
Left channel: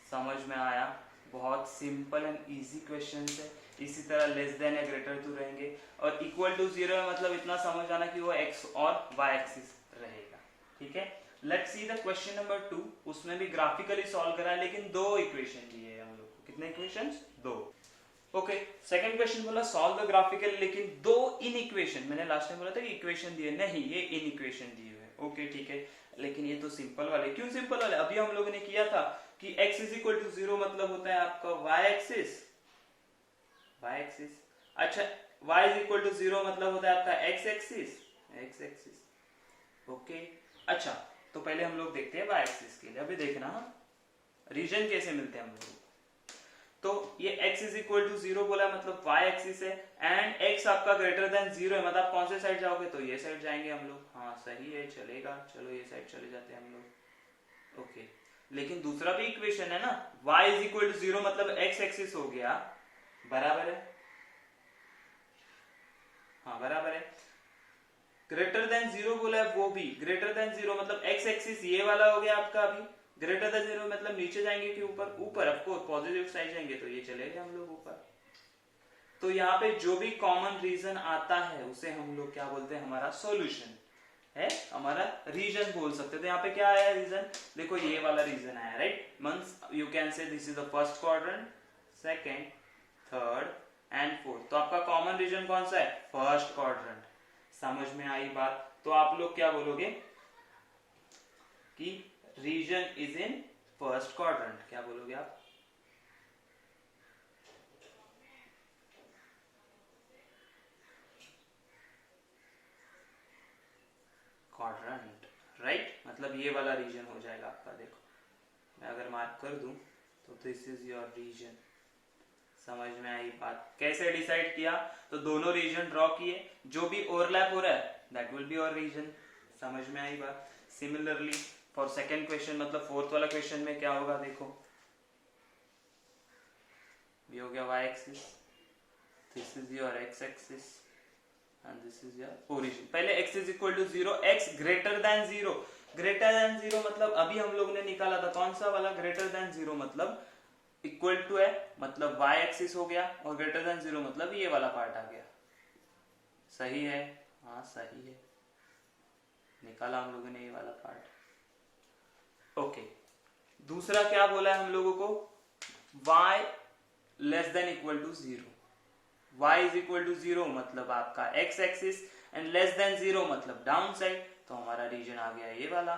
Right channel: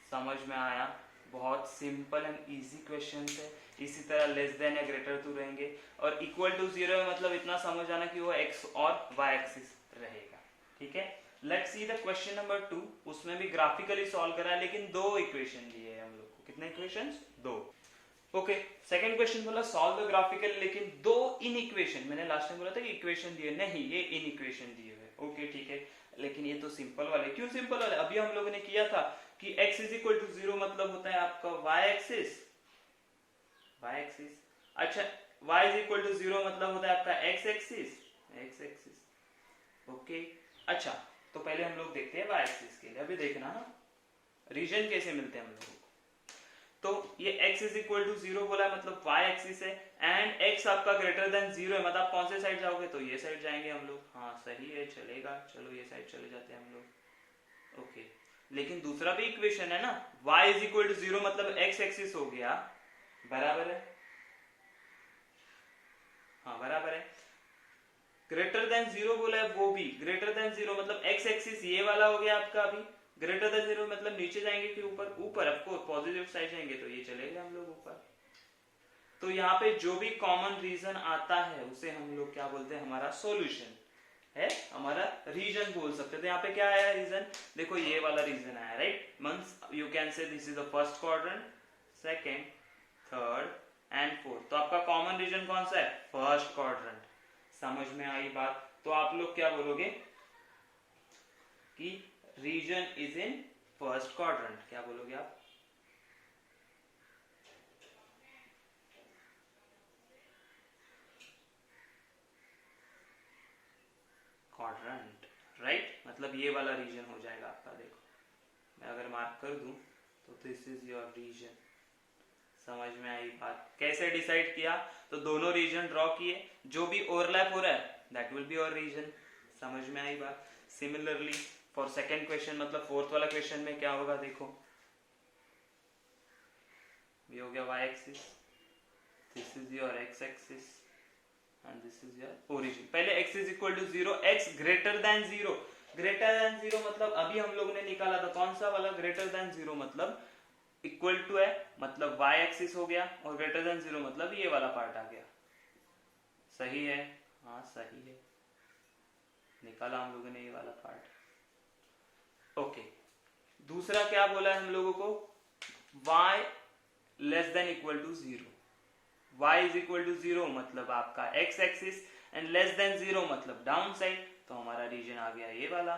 समझ में आया, बहुत सिंपल एंड इजी क्वेश्चन है। इसी तरह लेस देन या ग्रेटर टू रहेंगे, और इक्वल टू 0 है मतलब इतना समझ आना कि वो x और y एक्सिस रहेगा। ठीक है, let's see the question number 2। उसमें भी ग्राफिकली सॉल्व करा है, लेकिन दो इक्वेशन दिए हैं हम लोग को। कितने इक्वेशंस, दो। ओके, सेकंड क्वेश्चन बोला सॉल्व द ग्राफिकल, लेकिन दो इन इक्वेशन, मैंने लास्ट टाइम बोला था कि इक्वेशन दिए, नहीं ये इन इक्वेशन दिए हुए। ओके ठीक है, लेकिन ये तो सिंपल वाले, क्यों सिंपल वाले, अभी हम लोगों ने किया था कि x इज इक्वल टू 0 मतलब होता है आपका y एक्सिस, y एक्सिस। अच्छा, y इज इक्वल टू 0 मतलब होता है आपका x axis, x axis. Okay, अच्छा तो पहले हम लोग देखते हैं y एक्सिस के लिए, अभी देखना रीजन कैसे मिलते हैं हम लोगों को। तो ये x इज इक्वल टू 0 बोला मतलब y एक्सिस है, एंड x आपका ग्रेटर देन 0 है, मतलब कौन से साइड जाओगे, तो ये साइड जाएंगे हम लोग। हाँ सही है, चलेगा, चलो ये साइड चले जाते हैं हम लोग। ओके, लेकिन दूसरा भी इक्वेशन है ना, y इज इक्वल टू 0 मतलब x एक्सिस हो गया, बराबर है, हाँ बराबर है। ग्रेटर देन 0 बोला है, वो भी ग्रेटर देन 0 मतलब x एक्सिस ये वाला हो गया आपका। अभी ग्रेटर देन 0 मतलब नीचे जाएंगे कि ऊपर, ऊपर ऑफकोर्स पॉजिटिव साइड जाएंगे तो ये चले गए हम लोग ऊपर। तो यहाँ पे जो भी कॉमन रीजन आता है उसे हम लोग क्या बोलते हैं, हमारा सॉल्यूशन। है हमारा रीजन बोल सकते हैं। तो यहाँ पे क्या आया रीजन, देखो ये वाला रीजन आया, राइट। मींस यू कैन से this is the first quadrant, second, third and fourth. तो आपका कॉमन रीजन कौन सा है, फर्स्ट क्वाड्रेंट। समझ में आई बात। तो आप लोग क्या बोलोगे कि region is in first quadrant, क्या बोलोगे आप, क्वाड्रेंट, राइट। मतलब ये वाला रीजन हो जाएगा आपका। देखो मैं अगर मार्क कर दूं तो दिस इज योर रीजन। समझ में आई बात। कैसे डिसाइड किया, तो दोनों रीजन ड्रॉ किए, जो भी ओवरलैप हो रहा है that will be your region. समझ में आई बात। सिमिलरली फॉर सेकेंड क्वेश्चन, मतलब फोर्थ वाला क्वेश्चन में क्या होगा, देखो ये हो गया y axis, this is your x axis and this is your origin। पहले x is equal to 0, x greater than 0, greater than 0 मतलब अभी हम लोग ने निकाला था कौन सा वाला, greater than 0 मतलब इक्वल टू है, मतलब y एक्सिस हो गया, और greater than 0 मतलब ये वाला पार्ट आ गया। सही है, हाँ सही है, निकाला हम लोगों ने ये वाला पार्ट। ओके, दूसरा क्या बोला है हम लोगों को, y less than equal to 0, y is equal to 0 मतलब आपका x axis, and less than 0 मतलब डाउन साइड। तो हमारा रीजन आ गया ये वाला।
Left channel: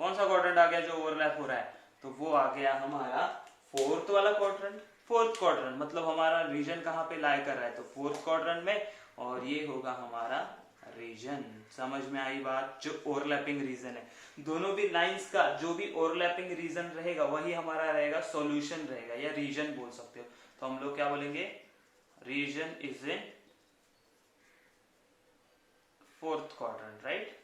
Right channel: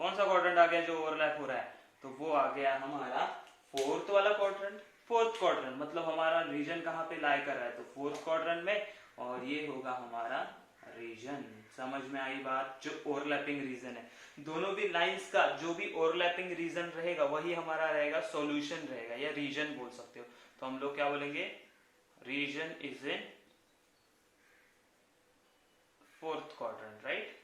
कौन सा क्वाड्रेंट आ गया जो ओवरलैप हो रहा है, तो वो आ गया हमारा फोर्थ वाला क्वाड्रेंट। फोर्थ क्वाड्रेंट मतलब हमारा रीजन कहाँ पे लाई कर रहा है, तो फोर्थ क्वाड्रेंट में, और ये होगा हमारा रीजन। समझ में आई बात। जो ओवरलैपिंग रीजन है, दोनों भी लाइंस का जो भी ओवरलैपिंग रीजन रहेगा वही हमारा रहेगा सॉल्यूशन रहेगा, या रीजन बोल सकते हो। तो हम लोग क्या बोलेंगे, region is in fourth quadrant, right.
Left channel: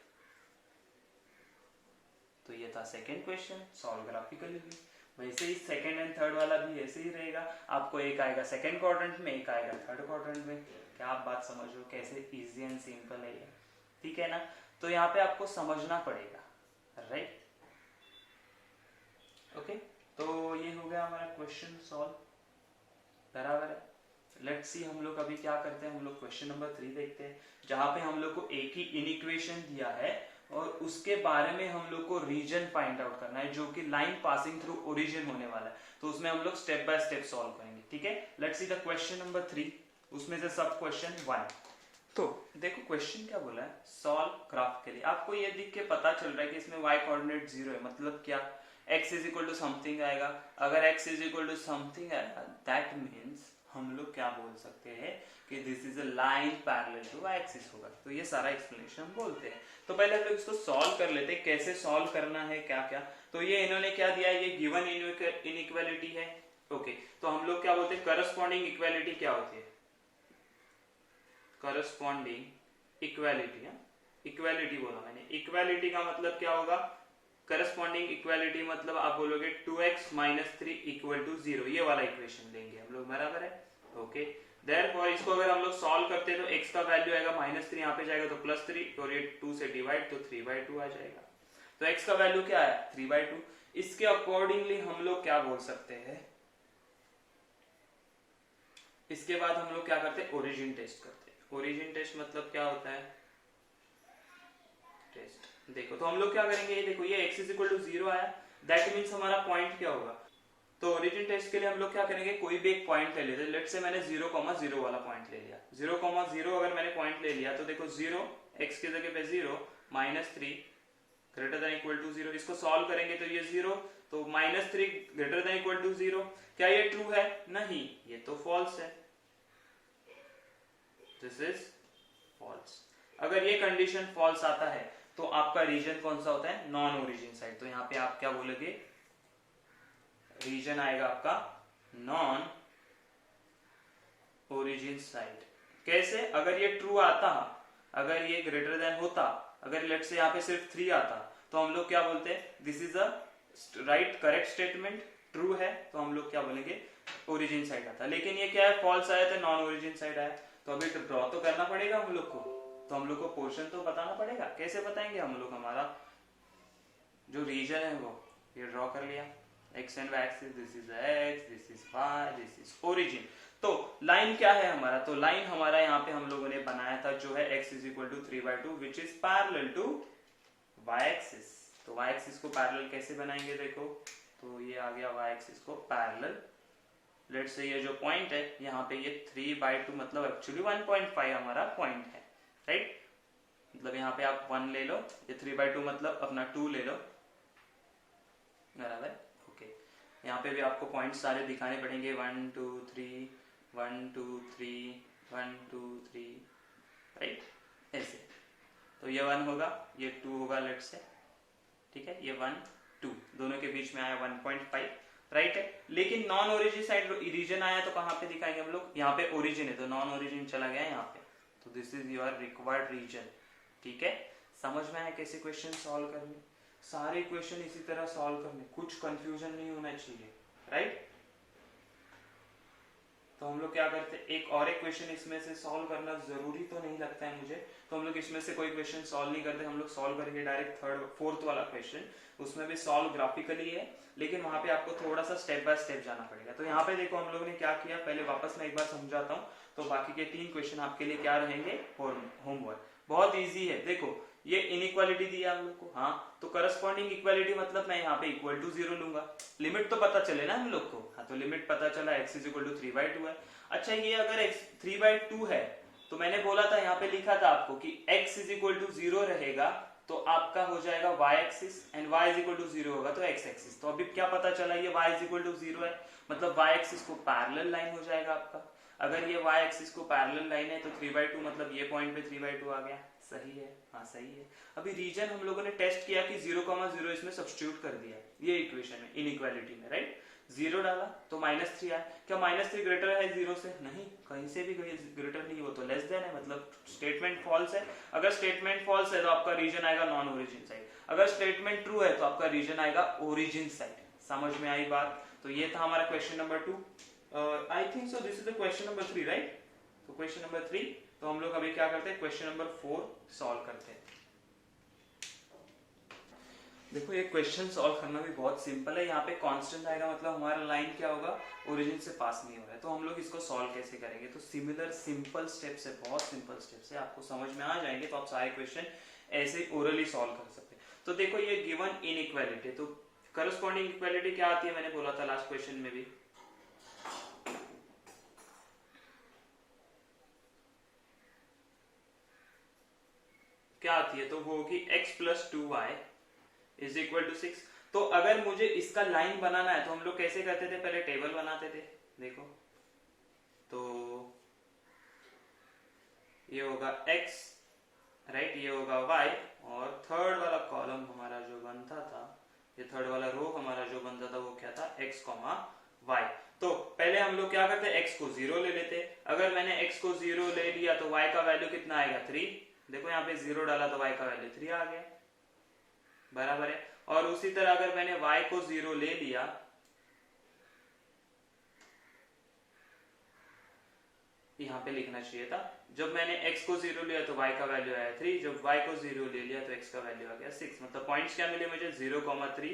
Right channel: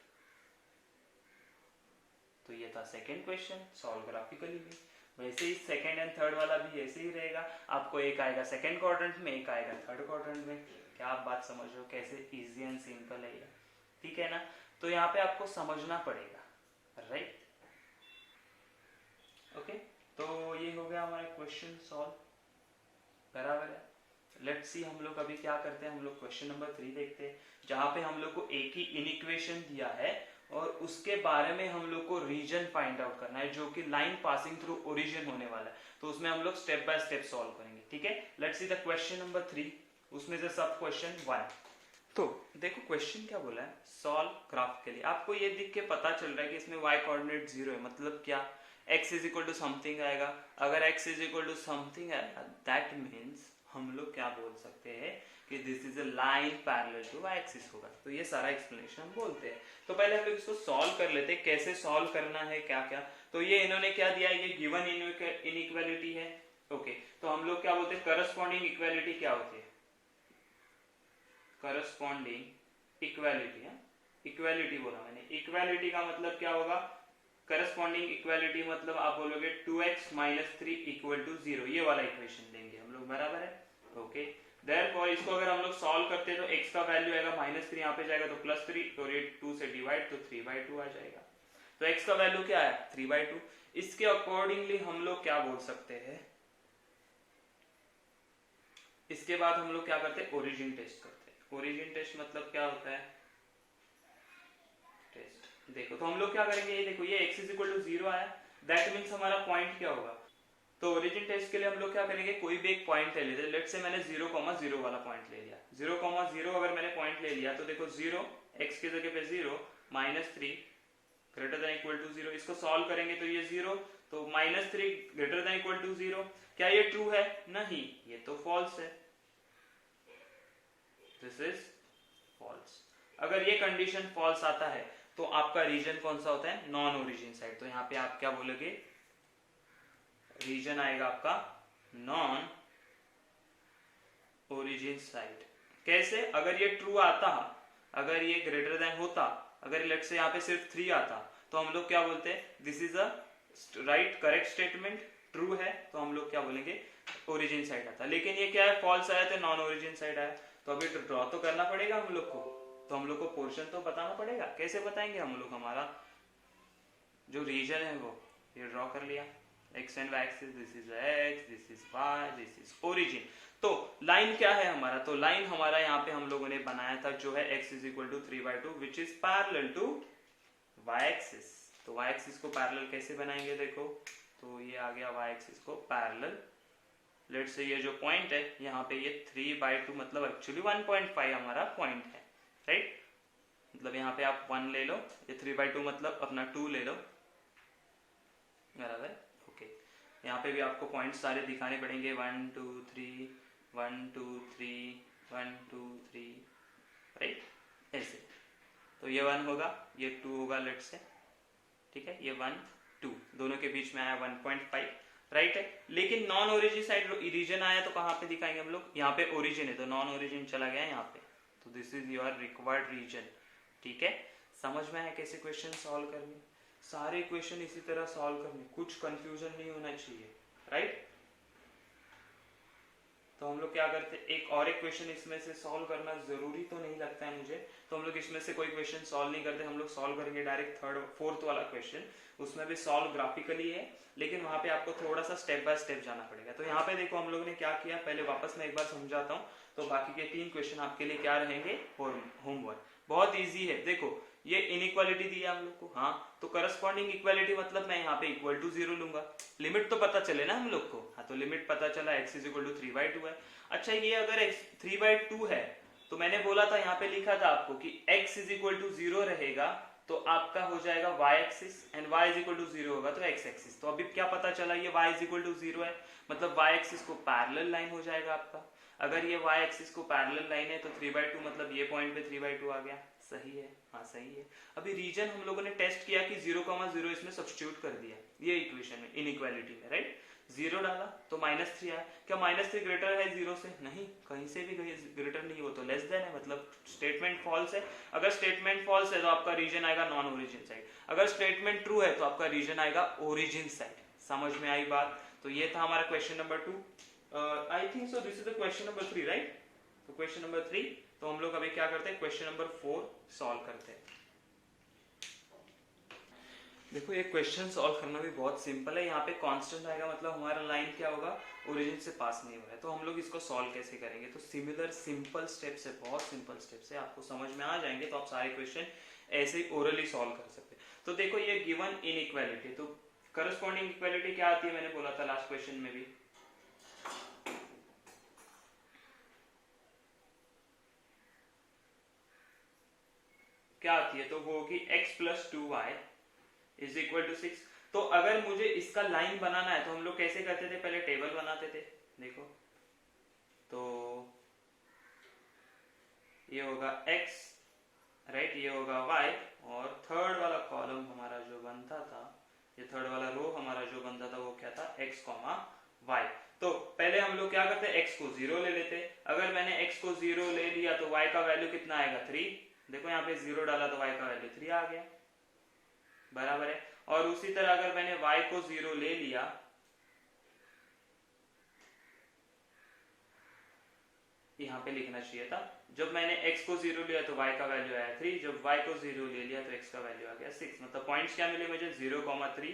तो ये था सेकेंड क्वेश्चन, सॉल्व ग्राफिकली भी। वैसे ही सेकेंड एंड थर्ड वाला भी ऐसे ही रहेगा, आपको एक आएगा सेकेंड क्वाड्रेंट में, एक आएगा थर्ड क्वाड्रेंट में। क्या आप बात समझ रहे हो, कैसे इजी एंड सिंपल है ये, ठीक है ना। तो यहाँ पे आपको समझना पड़ेगा, राइट। ओके, तो ये हो गया हमारा क्वेश्चन सॉल्व, बराबर है। लेट्स सी हम लोग अभी क्या करते हैं, हम लोग क्वेश्चन नंबर 3 देखते हैं, जहां पे हम लोग को एक ही इनइक्वेशन दिया है और उसके बारे में हम लोग को रीजन फाइंड आउट करना है, जो कि लाइन पासिंग थ्रू ओरिजिन होने वाला है। तो उसमें हम लोग स्टेप बाय स्टेप सॉल्व करेंगे, ठीक है। Let's see the question number 3, उसमें से सब क्वेश्चन 1। तो देखो क्वेश्चन क्या बोला है, सॉल्व ग्राफ के लिए। आपको ये दिख के पता चल रहा है कि इसमें y कोऑर्डिनेट 0 है, मतलब क्या, x is equal to something आएगा। अगर x is equal to something आएगा दैट मीन्स हम लोग क्या बोल सकते हैं कि this is a line parallel to y axis होगा। तो ये सारा एक्सप्लेनेशन हम बोलते हैं। तो पहले हम लोग इसको सॉल्व कर लेते हैं, कैसे सॉल्व करना है क्या क्या। तो ये इन्होंने क्या दिया, ये गिवन इनइक्वालिटी है। ओके, तो हम लोग क्या बोलते हैं, करस्पॉन्डिंग इक्वालिटी क्या होती है, करस्पॉन्डिंग इक्वालिटी है, इक्वालिटी बोला मैंने। इक्वालिटी का मतलब क्या होगा, करस्पॉन्डिंग इक्वालिटी मतलब आप बोलोगे 2x माइनस 3 इक्वल टू 0, ये वाला इक्वेशन देंगे हम लोग, बराबर है। ओके, देयरफॉर इसको अगर हम लोग सॉल्व करते हैं तो x का वैल्यू आएगा -3, यहाँ पे जाएगा तो +3, और ये 2 से डिवाइड तो 3/2 आ जाएगा। तो x का वैल्यू क्या है, 3/2। इसके अकॉर्डिंगली हम लोग क्या बोल सकते हैं, इसके बाद हम लोग क्या करते हैं, ओरिजिन टेस्ट करते हैं। ओरिजिन टेस्ट मतलब क्या होता है, टेस्ट। देखो तो हम लोग क्या करेंगे, ये देखो ये x इज इक्वल टू 0 आया, दैट मीन्स हमारा पॉइंट क्या होगा। तो ओरिजिन टेस्ट के लिए हम लोग क्या करेंगे, कोई भी एक पॉइंट ले लेते हैं। लेट्स से मैंने 0,0 वाला पॉइंट ले लिया, 0,0 अगर मैंने पॉइंट ले लिया तो देखो 0, x की जगह पे 0, -3 ग्रेटर देन इक्वल टू 0। इसको सॉल्व करेंगे तो ये 0, तो -3 ग्रेटर देन इक्वल टू 0। क्या ये ट्रू है, नहीं, ये तो फॉल्स है, दिस इज फॉल्स। अगर ये कंडीशन फॉल्स आता है तो आपका रीजन कौन सा होता है, नॉन ओरिजिन साइड। तो यहाँ पे आप क्या बोलोगे, रीजन आएगा आपका नॉन ओरिजिन साइड। कैसे, अगर ये ट्रू आता, अगर ये ग्रेटर देन होता, अगर लेट्स से यहाँ पे सिर्फ 3 आता, तो हम लोग क्या बोलते हैं, this is a right correct statement, true है, तो हम लोग क्या बोलेंगे, ओरिजिन साइड आता। लेकिन ये क्या है, फॉल्स आया था, नॉन ओरिजिन साइड आया। तो अभी ड्रॉ तो करना पड़ेगा हम लोग को, तो हम लोग को पोर्शन तो बताना पड़ेगा। कैसे बताएंगे हम लोग, हमारा जो रीजन है वो ये ड्रॉ कर लिया, x and y axis, this is x, this is y, this is origin। तो लाइन क्या है हमारा, तो लाइन हमारा यहाँ पे हम लोगों ने बनाया था जो है x is equal to 3/2 which is parallel to y axis. तो y एक्सिस को पैरेलल कैसे बनाएंगे, देखो तो ये आ गया y एक्सिस को पैरेलल। लेट्स से ये जो पॉइंट है यहाँ पे ये 3/2 मतलब एक्चुअली 1.5 हमारा पॉइंट है, राइट। मतलब यहाँ पे आप 1 ले लो, ये 3/2 मतलब अपना 2 ले लो, बराबर। ओके, यहाँ पे भी आपको पॉइंट सारे दिखाने पड़ेंगे, 1 2 3 1 2 3 1 2 3, राइट, ऐसे। तो ये 1 होगा, ये 2 होगा, लेट से, ठीक है, ये 1 2 दोनों के बीच में आया 1.5, राइट है। लेकिन नॉन ओरिजिन साइड रीजन आया तो कहाँ पे दिखाएंगे हम लोग, यहाँ पे ओरिजिन है तो नॉन ओरिजिन चला गया यहाँ पे, तो this is your required region, ठीक है। समझ में आया कैसे क्वेश्चन सॉल्व करने, सारे क्वेश्चन इसी तरह सॉल्व करने, कुछ कंफ्यूजन नहीं होना चाहिए, राइट। तो हम लोग क्या करते हैं, एक क्वेश्चन इसमें से सॉल्व करना जरूरी तो नहीं लगता है मुझे, तो हम लोग इसमें से कोई क्वेश्चन सॉल्व नहीं करते, हम लोग सॉल्व करेंगे डायरेक्ट थर्ड फोर्थ वाला क्वेश्चन। उसमें भी सॉल्व ग्राफिकली है, लेकिन वहां पे आपको थोड़ा सा स्टेप बाय स्टेप जाना पड़ेगा। तो यहाँ पे देखो हम लोगों ने क्या किया, पहले वापस मैं एक बार समझाता हूँ, तो बाकी के 3 क्वेश्चन आपके लिए क्या रहेंगे, होमवर्क। बहुत इजी है, देखो ये इनइक्वालिटी दिया हम लोग को, हाँ, तो करस्पॉन्डिंग इक्वालिटी मतलब मैं यहाँ पे इक्वल टू 0 लूंगा, लिमिट तो पता चले ना हम लोग को, हाँ, तो लिमिट पता चला x इज इक्वल टू 3/2 है। अच्छा, ये अगर x 3/2 है तो मैंने बोला था, यहाँ पे लिखा था आपको कि x इज इक्वल टू 0 रहेगा तो आपका हो जाएगा y axis, and y is equal to 0 होगा तो x एक्सिस। तो अभी क्या पता चला, ये y इज इक्वल टू 0 है, मतलब y एक्सिस को पैरेलल लाइन हो जाएगा आपका। अगर ये y एक्सिस को पैरेलल लाइन है तो 3/2 मतलब ये पॉइंट पे 3/2 आ गया, सही है, हाँ सही है। अभी रीजन हम लोगों ने टेस्ट किया कि 0,0 इसमें सब्स्टिट्यूट कर दिया ये इक्वेशन में, इनइक्वालिटी में, राइट। 0 डाला तो -3 आया, क्या -3 ग्रेटर है 0 से, नहीं, कहीं से भी ग्रेटर नहीं, हो तो लेस देन है, मतलब स्टेटमेंट फॉल्स है। अगर स्टेटमेंट फॉल्स है तो आपका रीजन आएगा नॉन ओरिजिन साइड, अगर स्टेटमेंट ट्रू है तो आपका रीजन आएगा ओरिजिन साइड। समझ में आई बात। तो ये था हमारा question number 2, I think so this is the question number 3, right. तो क्वेश्चन नंबर 3, तो हम लोग अभी क्या करते हैं, क्वेश्चन नंबर 4 सॉल्व करते हैं। देखो ये क्वेश्चन सॉल्व करना भी बहुत सिंपल है, यहाँ पे कांस्टेंट आएगा मतलब हमारा लाइन क्या होगा, ओरिजिन से पास नहीं हो रहा है, तो हम लोग इसको सॉल्व कैसे करेंगे। तो सिमिलर सिंपल स्टेप्स है, बहुत सिंपल स्टेप्स है, आपको समझ में आ जाएंगे तो आप सारे क्वेश्चन ऐसे ही ओरली सॉल्व कर सकते हैं। तो देखो ये गिवन इनइक्वालिटी, तो करस्पॉन्डिंग इक्वालिटी क्या आती है, मैंने बोला था लास्ट क्वेश्चन में भी, क्या आती है, तो वो होगी x + 2y is equal to 6। तो अगर मुझे इसका लाइन बनाना है तो हम लोग कैसे करते थे, पहले टेबल बनाते थे, देखो तो ये होगा x, राइट, ये होगा y, और थर्ड वाला कॉलम हमारा जो बनता था, ये थर्ड वाला रो हमारा जो बनता था वो क्या था, x, y। तो पहले हम लोग क्या करते, x को 0 ले लेते, अगर मैंने x को 0 ले लिया तो y का वैल्यू कितना आएगा, 3। देखो यहाँ पे 0 डाला तो y का वैल्यू 3 आ गया, बराबर है। और उसी तरह अगर मैंने y को 0 ले लिया, यहाँ पे लिखना चाहिए था, जब मैंने x को 0 लिया तो y का वैल्यू आया 3, जब y को 0 ले लिया तो x का वैल्यू आ गया 6, मतलब पॉइंट्स क्या मिले मुझे, 0,3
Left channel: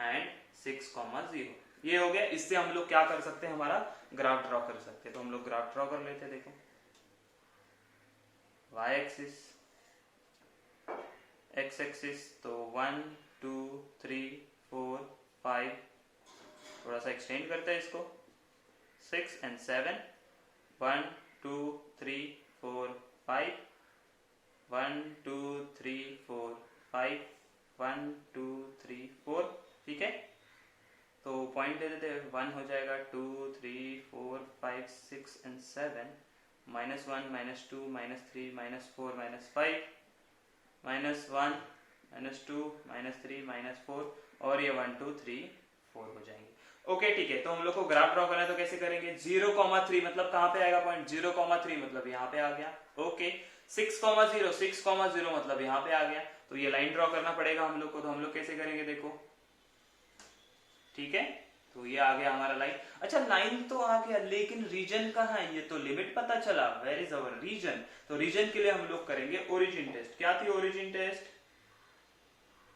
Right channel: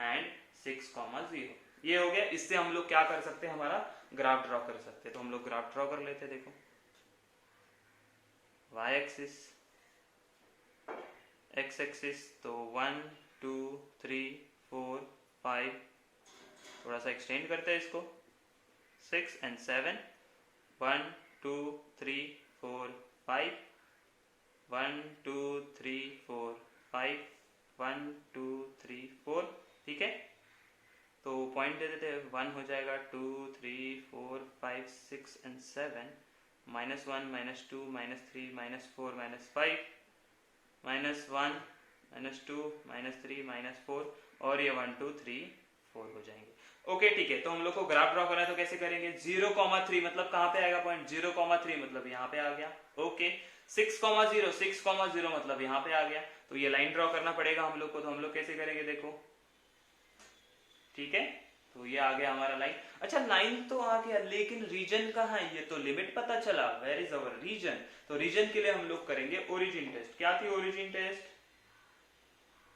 एंड 6,0। ये हो गया। इससे हम लोग क्या कर सकते हैं, हमारा ग्राफ ड्रॉ कर सकते हैं। तो हम लोग ग्राफ ड्रॉ कर लेते हैं, देखो y एक्सिस, x एक्सिस, तो 1 2 3 4 5, थोड़ा सा एक्सटेंड करते हैं इसको, 6 एंड 7, 1 2 3 4 5, 1 2 3 4 5, 1 2 3 4, ठीक है। तो पॉइंट दे देते हैं, 1 हो जाएगा, 2 3 4 5 6 एंड 7, -1 -2 -3 -4 -5 -1 -2 -3 -4, और ये 1 2 3 4 हो जाएंगे। ओके ठीक है, तो हम लोग को ग्राफ ड्रॉ करना है तो कैसे करेंगे, 0,3 मतलब कहाँ पे आएगा पॉइंट, 0,3 मतलब यहाँ पे आ गया, ओके। 6,0 मतलब यहाँ पे आ गया, तो ये लाइन ड्रॉ करना पड़ेगा हम लोग को। तो हम लोग कैसे करेंगे, देखो ठीक है, तो ये आ गया हमारा लाइन। अच्छा लाइन तो आ गया, लेकिन रीजन कहाँ है, ये तो लिमिट पता चला, वेयर इज अवर रीजन। तो रीजन के लिए हम लोग करेंगे ओरिजिन टेस्ट। क्या थी ओरिजिन टेस्ट,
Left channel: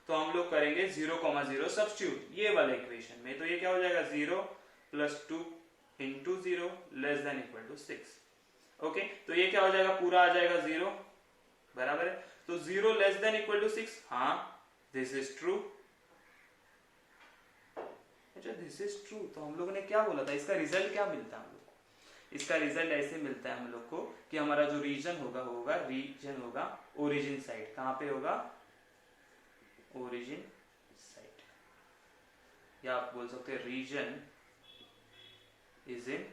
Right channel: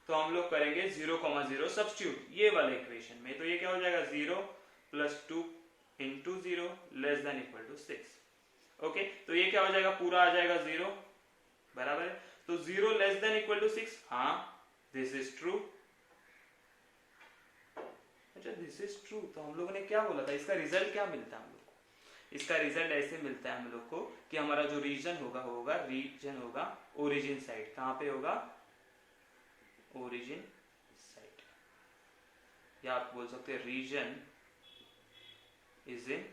तो हम लोग करेंगे 0,0 सब्स्टिट्यूट ये वाले इक्वेशन में, तो ये क्या हो जाएगा, 0 + 2 into 0 less than equal to 6। Okay, तो ये क्या हो जाएगा, पूरा आ जाएगा 0, बराबर है। तो 0 लेस देन इक्वल टू 6, हाँ दिस इज ट्रू। अच्छा दिस इज ट्रू, तो हम लोगों ने क्या बोला था, इसका रिजल्ट क्या मिलता है हम लोग को, इसका रिजल्ट ऐसे मिलता है हम लोग को कि हमारा जो रीजन होगा रीजन होगा ओरिजिन साइड। कहां पे होगा, ओरिजिन साइड, या आप बोल सकते हैं region is in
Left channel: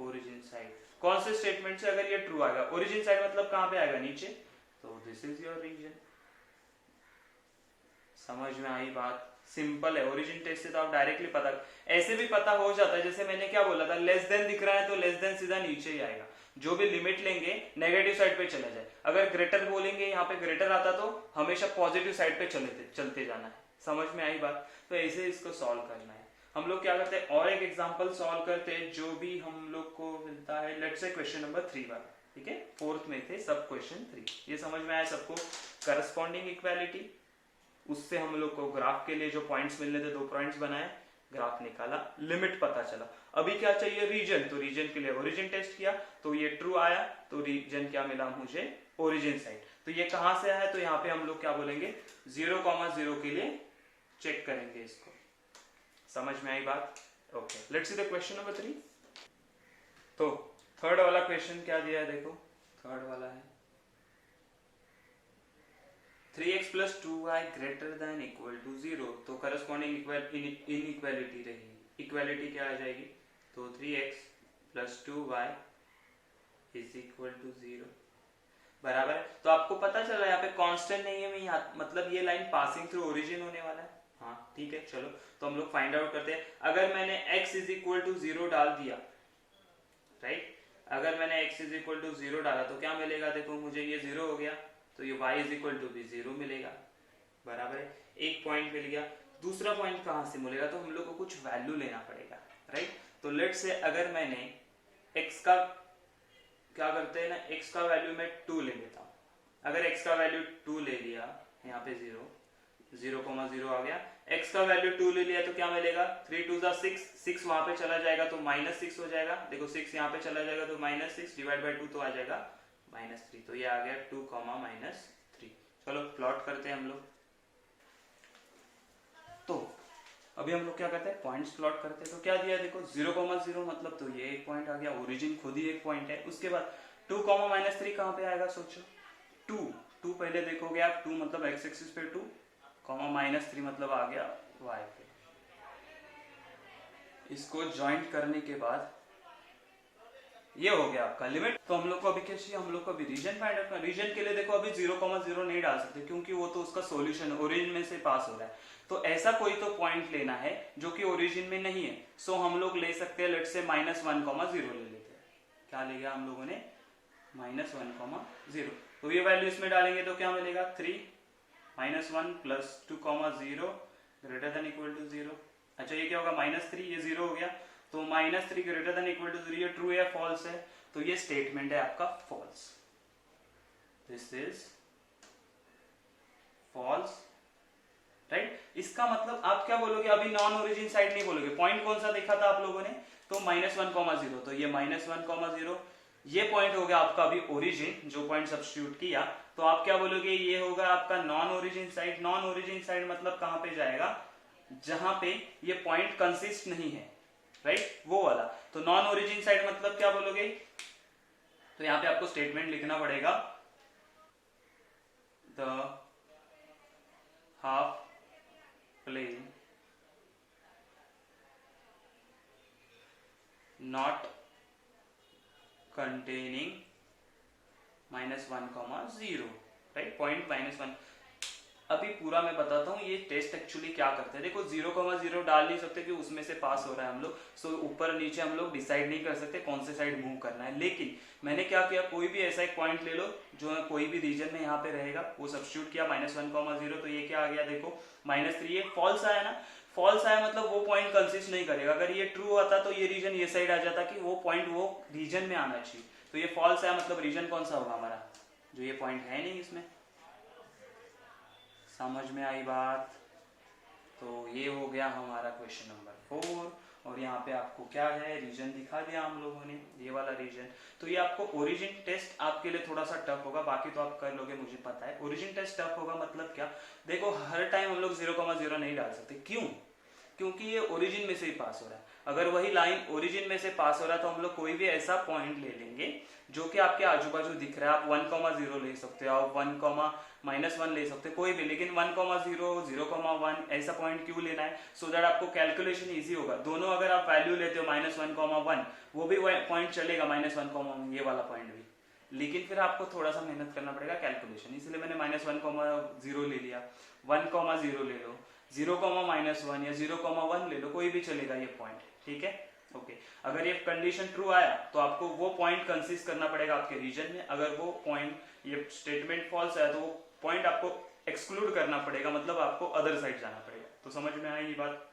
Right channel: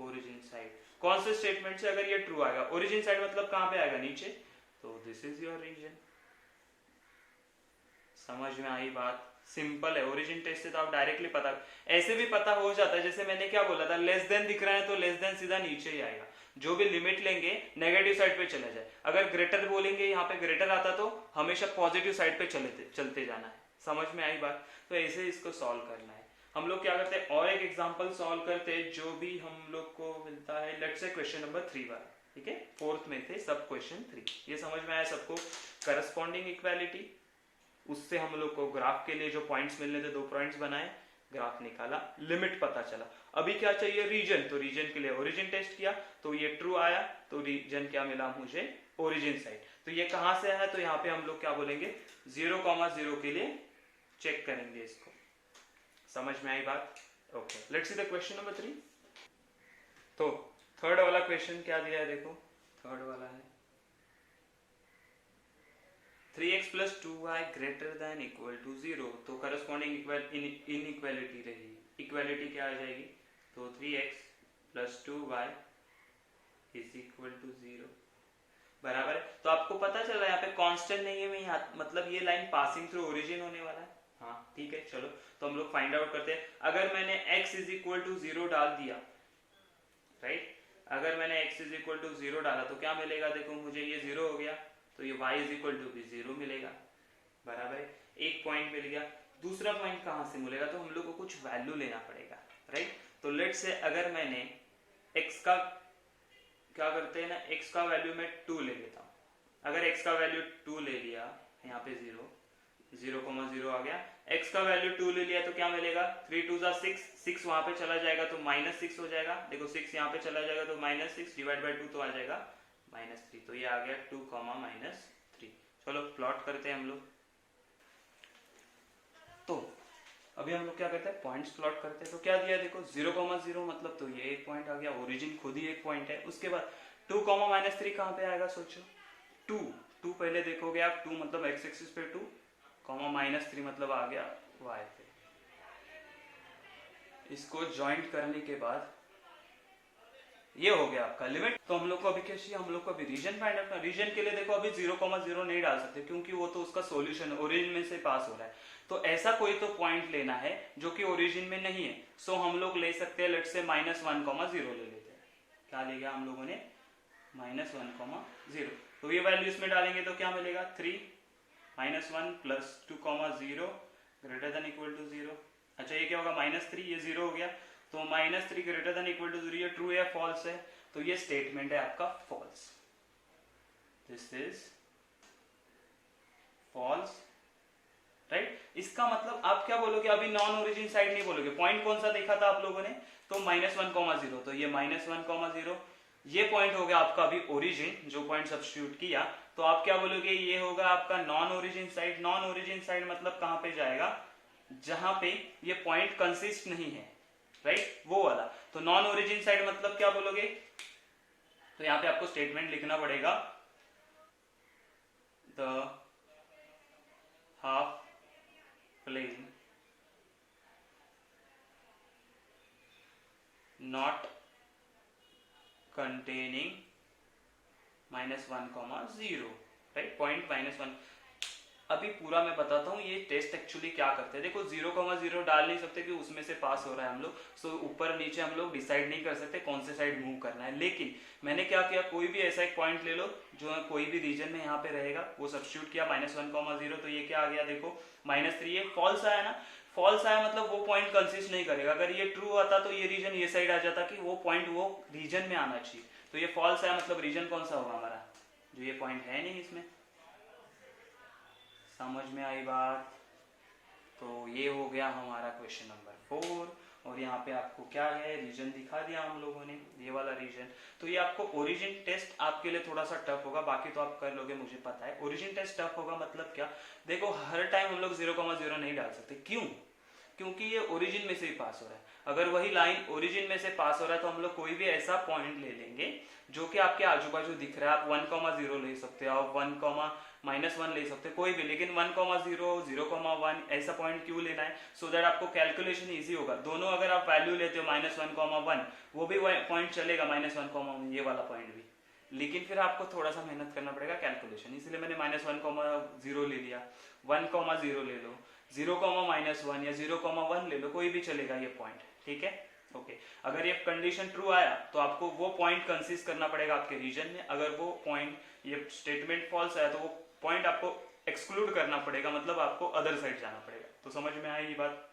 origin side. कौन से स्टेटमेंट से अगर ये ट्रू आएगा, ओरिजिन साइड मतलब कहां पे आएगा, नीचे, तो दिस इज योर रीजन। समझ में आई बात, सिंपल है। ओरिजिन टेस्ट से तो आप डायरेक्टली पता, ऐसे भी पता हो जाता है। जैसे मैंने क्या बोला था, लेस देन दिख रहा है तो लेस देन सीधा नीचे ही आएगा। जो भी लिमिट लेंगे नेगेटिव साइड पे चला जाए, अगर ग्रेटर बोलेंगे यहाँ पे ग्रेटर आता तो हमेशा पॉजिटिव साइड पे चलते जाना है। समझ में आई बात, तो ऐसे इसको सॉल्व करना है। हम लोग क्या करते हैं, और एक एग्जांपल सॉल्व करते हैं जो भी हम लोग को मिलता है। लेट्स से क्वेश्चन नंबर 3 वाला, ठीक है, फोर्थ में थे सब क्वेश्चन 3। ये समझ में आया सबको, करस्पॉन्डिंग इक्वालिटी, उससे हम लोग को ग्राफ के लिए जो पॉइंट्स मिलने थे 2 पॉइंट्स बनाए, ग्राफ निकाला, लिमिट पता चला। अभी क्या चाहिए, रीजन, तो रीजन के लिए ओरिजिन टेस्ट किया तो ये ट्रू आया, तो रीजन क्या मिला मुझे, ओरिजिन साइड। तो ये कहां से आया, तो यहाँ पे हम लोग क्या बोलेंगे 0,0 के लिए चेक करेंगे इसको। समझ में आई बात, okay. Let's see the question number 3। तो थर्ड वाला क्वेश्चन क्या दिया है, देखो थर्ड वाला है 3x plus 2y greater than equal to 0। तो करस्पॉन्डिंग इनइक्वालिटी रहेगी, इक्वालिटी क्या आ जाएगी, तो 3x plus 2y is equal to 0, बराबर है। तो आपको पता चला यहाँ पे कांस्टेंट नहीं है, मतलब ये लाइन पासिंग थ्रू ओरिजिन होने वाला है। हाँ ठीक है, चलो तो हम लोग फाइंड आउट करते हैं। अगर मैंने x इज इक्वल टू 0 डाल दिया, राइट, अगर मैंने x इज इक्वल टू 0 डाला तो क्या मिलेगा, देखो मुझे ये 0 हो गया, तो ये y इज इक्वल टू भी 0 मिलेगा, बराबर है। एक पॉइंट मिल गया। दूसरा पॉइंट कहां से मिलेगा, तो हम लोग को कुछ वैल्यू लेना पड़ेगा, राइट। तो लेट से अगर मैंने x का, क्या करते हैं ना, x का वैल्यू मैं 2 ले लेता हूं। अगर x का वैल्यू 2 ले लिया, यहाँ पे 0,0 आ गया, x का वैल्यू 2 ले लिया तो क्या मिलेगा, 3 2 6, 6 वहां पे चला जाएगा तो -6 हो जाएगा। देखो 6 यहाँ पे चला जाएगा तो -6 डिवाइड बाय 2 तो आ जाएगा -3। तो ये आ गया 2, -3। चलो प्लॉट करते हैं हम लोग। तो अभी हम लोग क्या करते हैं, पॉइंट्स प्लॉट करते हैं। तो क्या दिया देखो 0,0 मतलब तो ये एक पॉइंट आ गया, ओरिजिन खुद ही एक पॉइंट है। उसके बाद 2, -3 कहां पे आएगा, सोचो 2 पहले देखोगे आप, 2 मतलब x एक्सिस पे 2, -3 मतलब आ गया y पे। इसको ज्वाइंट करने के बाद ये हो गया आपका लिमिट। तो हम लोग को अभी क्या चाहिए, हम लोग को अभी रीजन फाइंड आउट करना। रीजन के लिए देखो अभी 0,0 नहीं डाल सकते क्योंकि वो तो उसका सॉल्यूशन ओरिजिन में से पास हो रहा है। तो ऐसा कोई तो पॉइंट लेना है जो कि ओरिजिन में नहीं है। सो हम लोग ले सकते हैं, लेट्स से -1,0 ले लेते हैं। क्या ले गया हम लोगों ने, -1,0। तो ये वैल्यू इसमें डालेंगे तो क्या मिलेगा, 3 -1 plus 2,0 greater than equal to 0। अच्छा ये क्या होगा, -3, ये 0 हो गया, तो -3 ग्रेटर देन इक्वल टू 0, ये ट्रू है फॉल्स है, तो ये स्टेटमेंट है आपका false. This is false, right. इसका मतलब आप क्या बोलोगे, अभी नॉन ओरिजिन साइड नहीं बोलोगे। पॉइंट कौन सा देखा था आप लोगों ने, तो -1,0, तो ये -1,0 ये पॉइंट हो गया आपका अभी ओरिजिन, जो पॉइंट सब्स्टिट्यूट किया। तो आप क्या बोलोगे, ये होगा आपका non origin side. Non origin side मतलब कहां पे जाएगा, जहां पे ये पॉइंट कंसिस्ट नहीं है, राइट, वो वाला। तो नॉन ओरिजिन साइड मतलब क्या बोलोगे, तो यहां पे आपको स्टेटमेंट लिखना पड़ेगा, the half plane not containing -1,0, right, point -1। अभी पूरा मैं बताता हूँ ये टेस्ट एक्चुअली क्या करते हैं। देखो 0,0 डाल नहीं सकते कि उसमें से पास हो रहा है हम लोग, सो ऊपर नीचे हम लोग डिसाइड नहीं कर सकते कौन से साइड मूव करना है। लेकिन मैंने क्या किया, कोई भी ऐसा एक पॉइंट ले लो जो कोई भी रीजन में यहाँ पे रहेगा, वो सब्स्टिट्यूट किया -1,0, तो ये क्या आ गया देखो -3। ये फॉल्स आया ना, फॉल्स आया मतलब वो पॉइंट कंसिस्ट नहीं करेगा। अगर ये ट्रू आता तो ये रीजन ये साइड आ जाता कि वो पॉइंट वो रीजन में आना चाहिए। तो ये फॉल्स आया मतलब रीजन कौन सा होगा हमारा, जो ये पॉइंट है नहीं इसमें। समझ में आई बात, तो ये हो गया हमारा क्वेश्चन नंबर 4। और यहाँ पे आपको क्या है, रीजन दिखा दिया हम लोगों ने, ये वाला रीजन। तो ये आपको ओरिजिन टेस्ट आपके लिए थोड़ा सा टफ होगा, बाकी तो आप कर लोगे मुझे पता है। ओरिजिन टेस्ट टफ होगा मतलब क्या, देखो हर टाइम हम लोग 0,0 नहीं डाल सकते, क्यों, क्योंकि ये ओरिजिन में से ही पास हो रहा है। अगर वही लाइन ओरिजिन में से पास हो रहा है तो हम लोग कोई भी ऐसा पॉइंट ले लेंगे जो कि आपके आजू बाजू दिख रहा है। आप 1,0 ले सकते हो, आप 1,-1 ले सकते हो, कोई भी, लेकिन 1,0, 0,1 ऐसा पॉइंट क्यों लेना है, सो दैट आपको कैलकुलेशन इजी होगा। दोनों अगर आप वैल्यू लेते हो -1,1, वो भी पॉइंट चलेगा -1,1, ये वाला पॉइंट भी, लेकिन फिर आपको थोड़ा सा मेहनत करना पड़ेगा कैलकुलेशन, इसलिए मैंने -1,0 ले लिया, 1,0 ले लो, 0,-1 या 0,1 ले लो, कोई भी चलेगा ये पॉइंट, ठीक है। ओके, अगर ये कंडीशन ट्रू आया तो आपको वो पॉइंट कंसिस्ट करना पड़ेगा आपके रीजन में। अगर वो पॉइंट, ये स्टेटमेंट फॉल्स आया तो वो पॉइंट आपको एक्सक्लूड करना पड़ेगा, मतलब आपको अदर साइड जाना पड़ेगा। तो समझ में आया ये बात,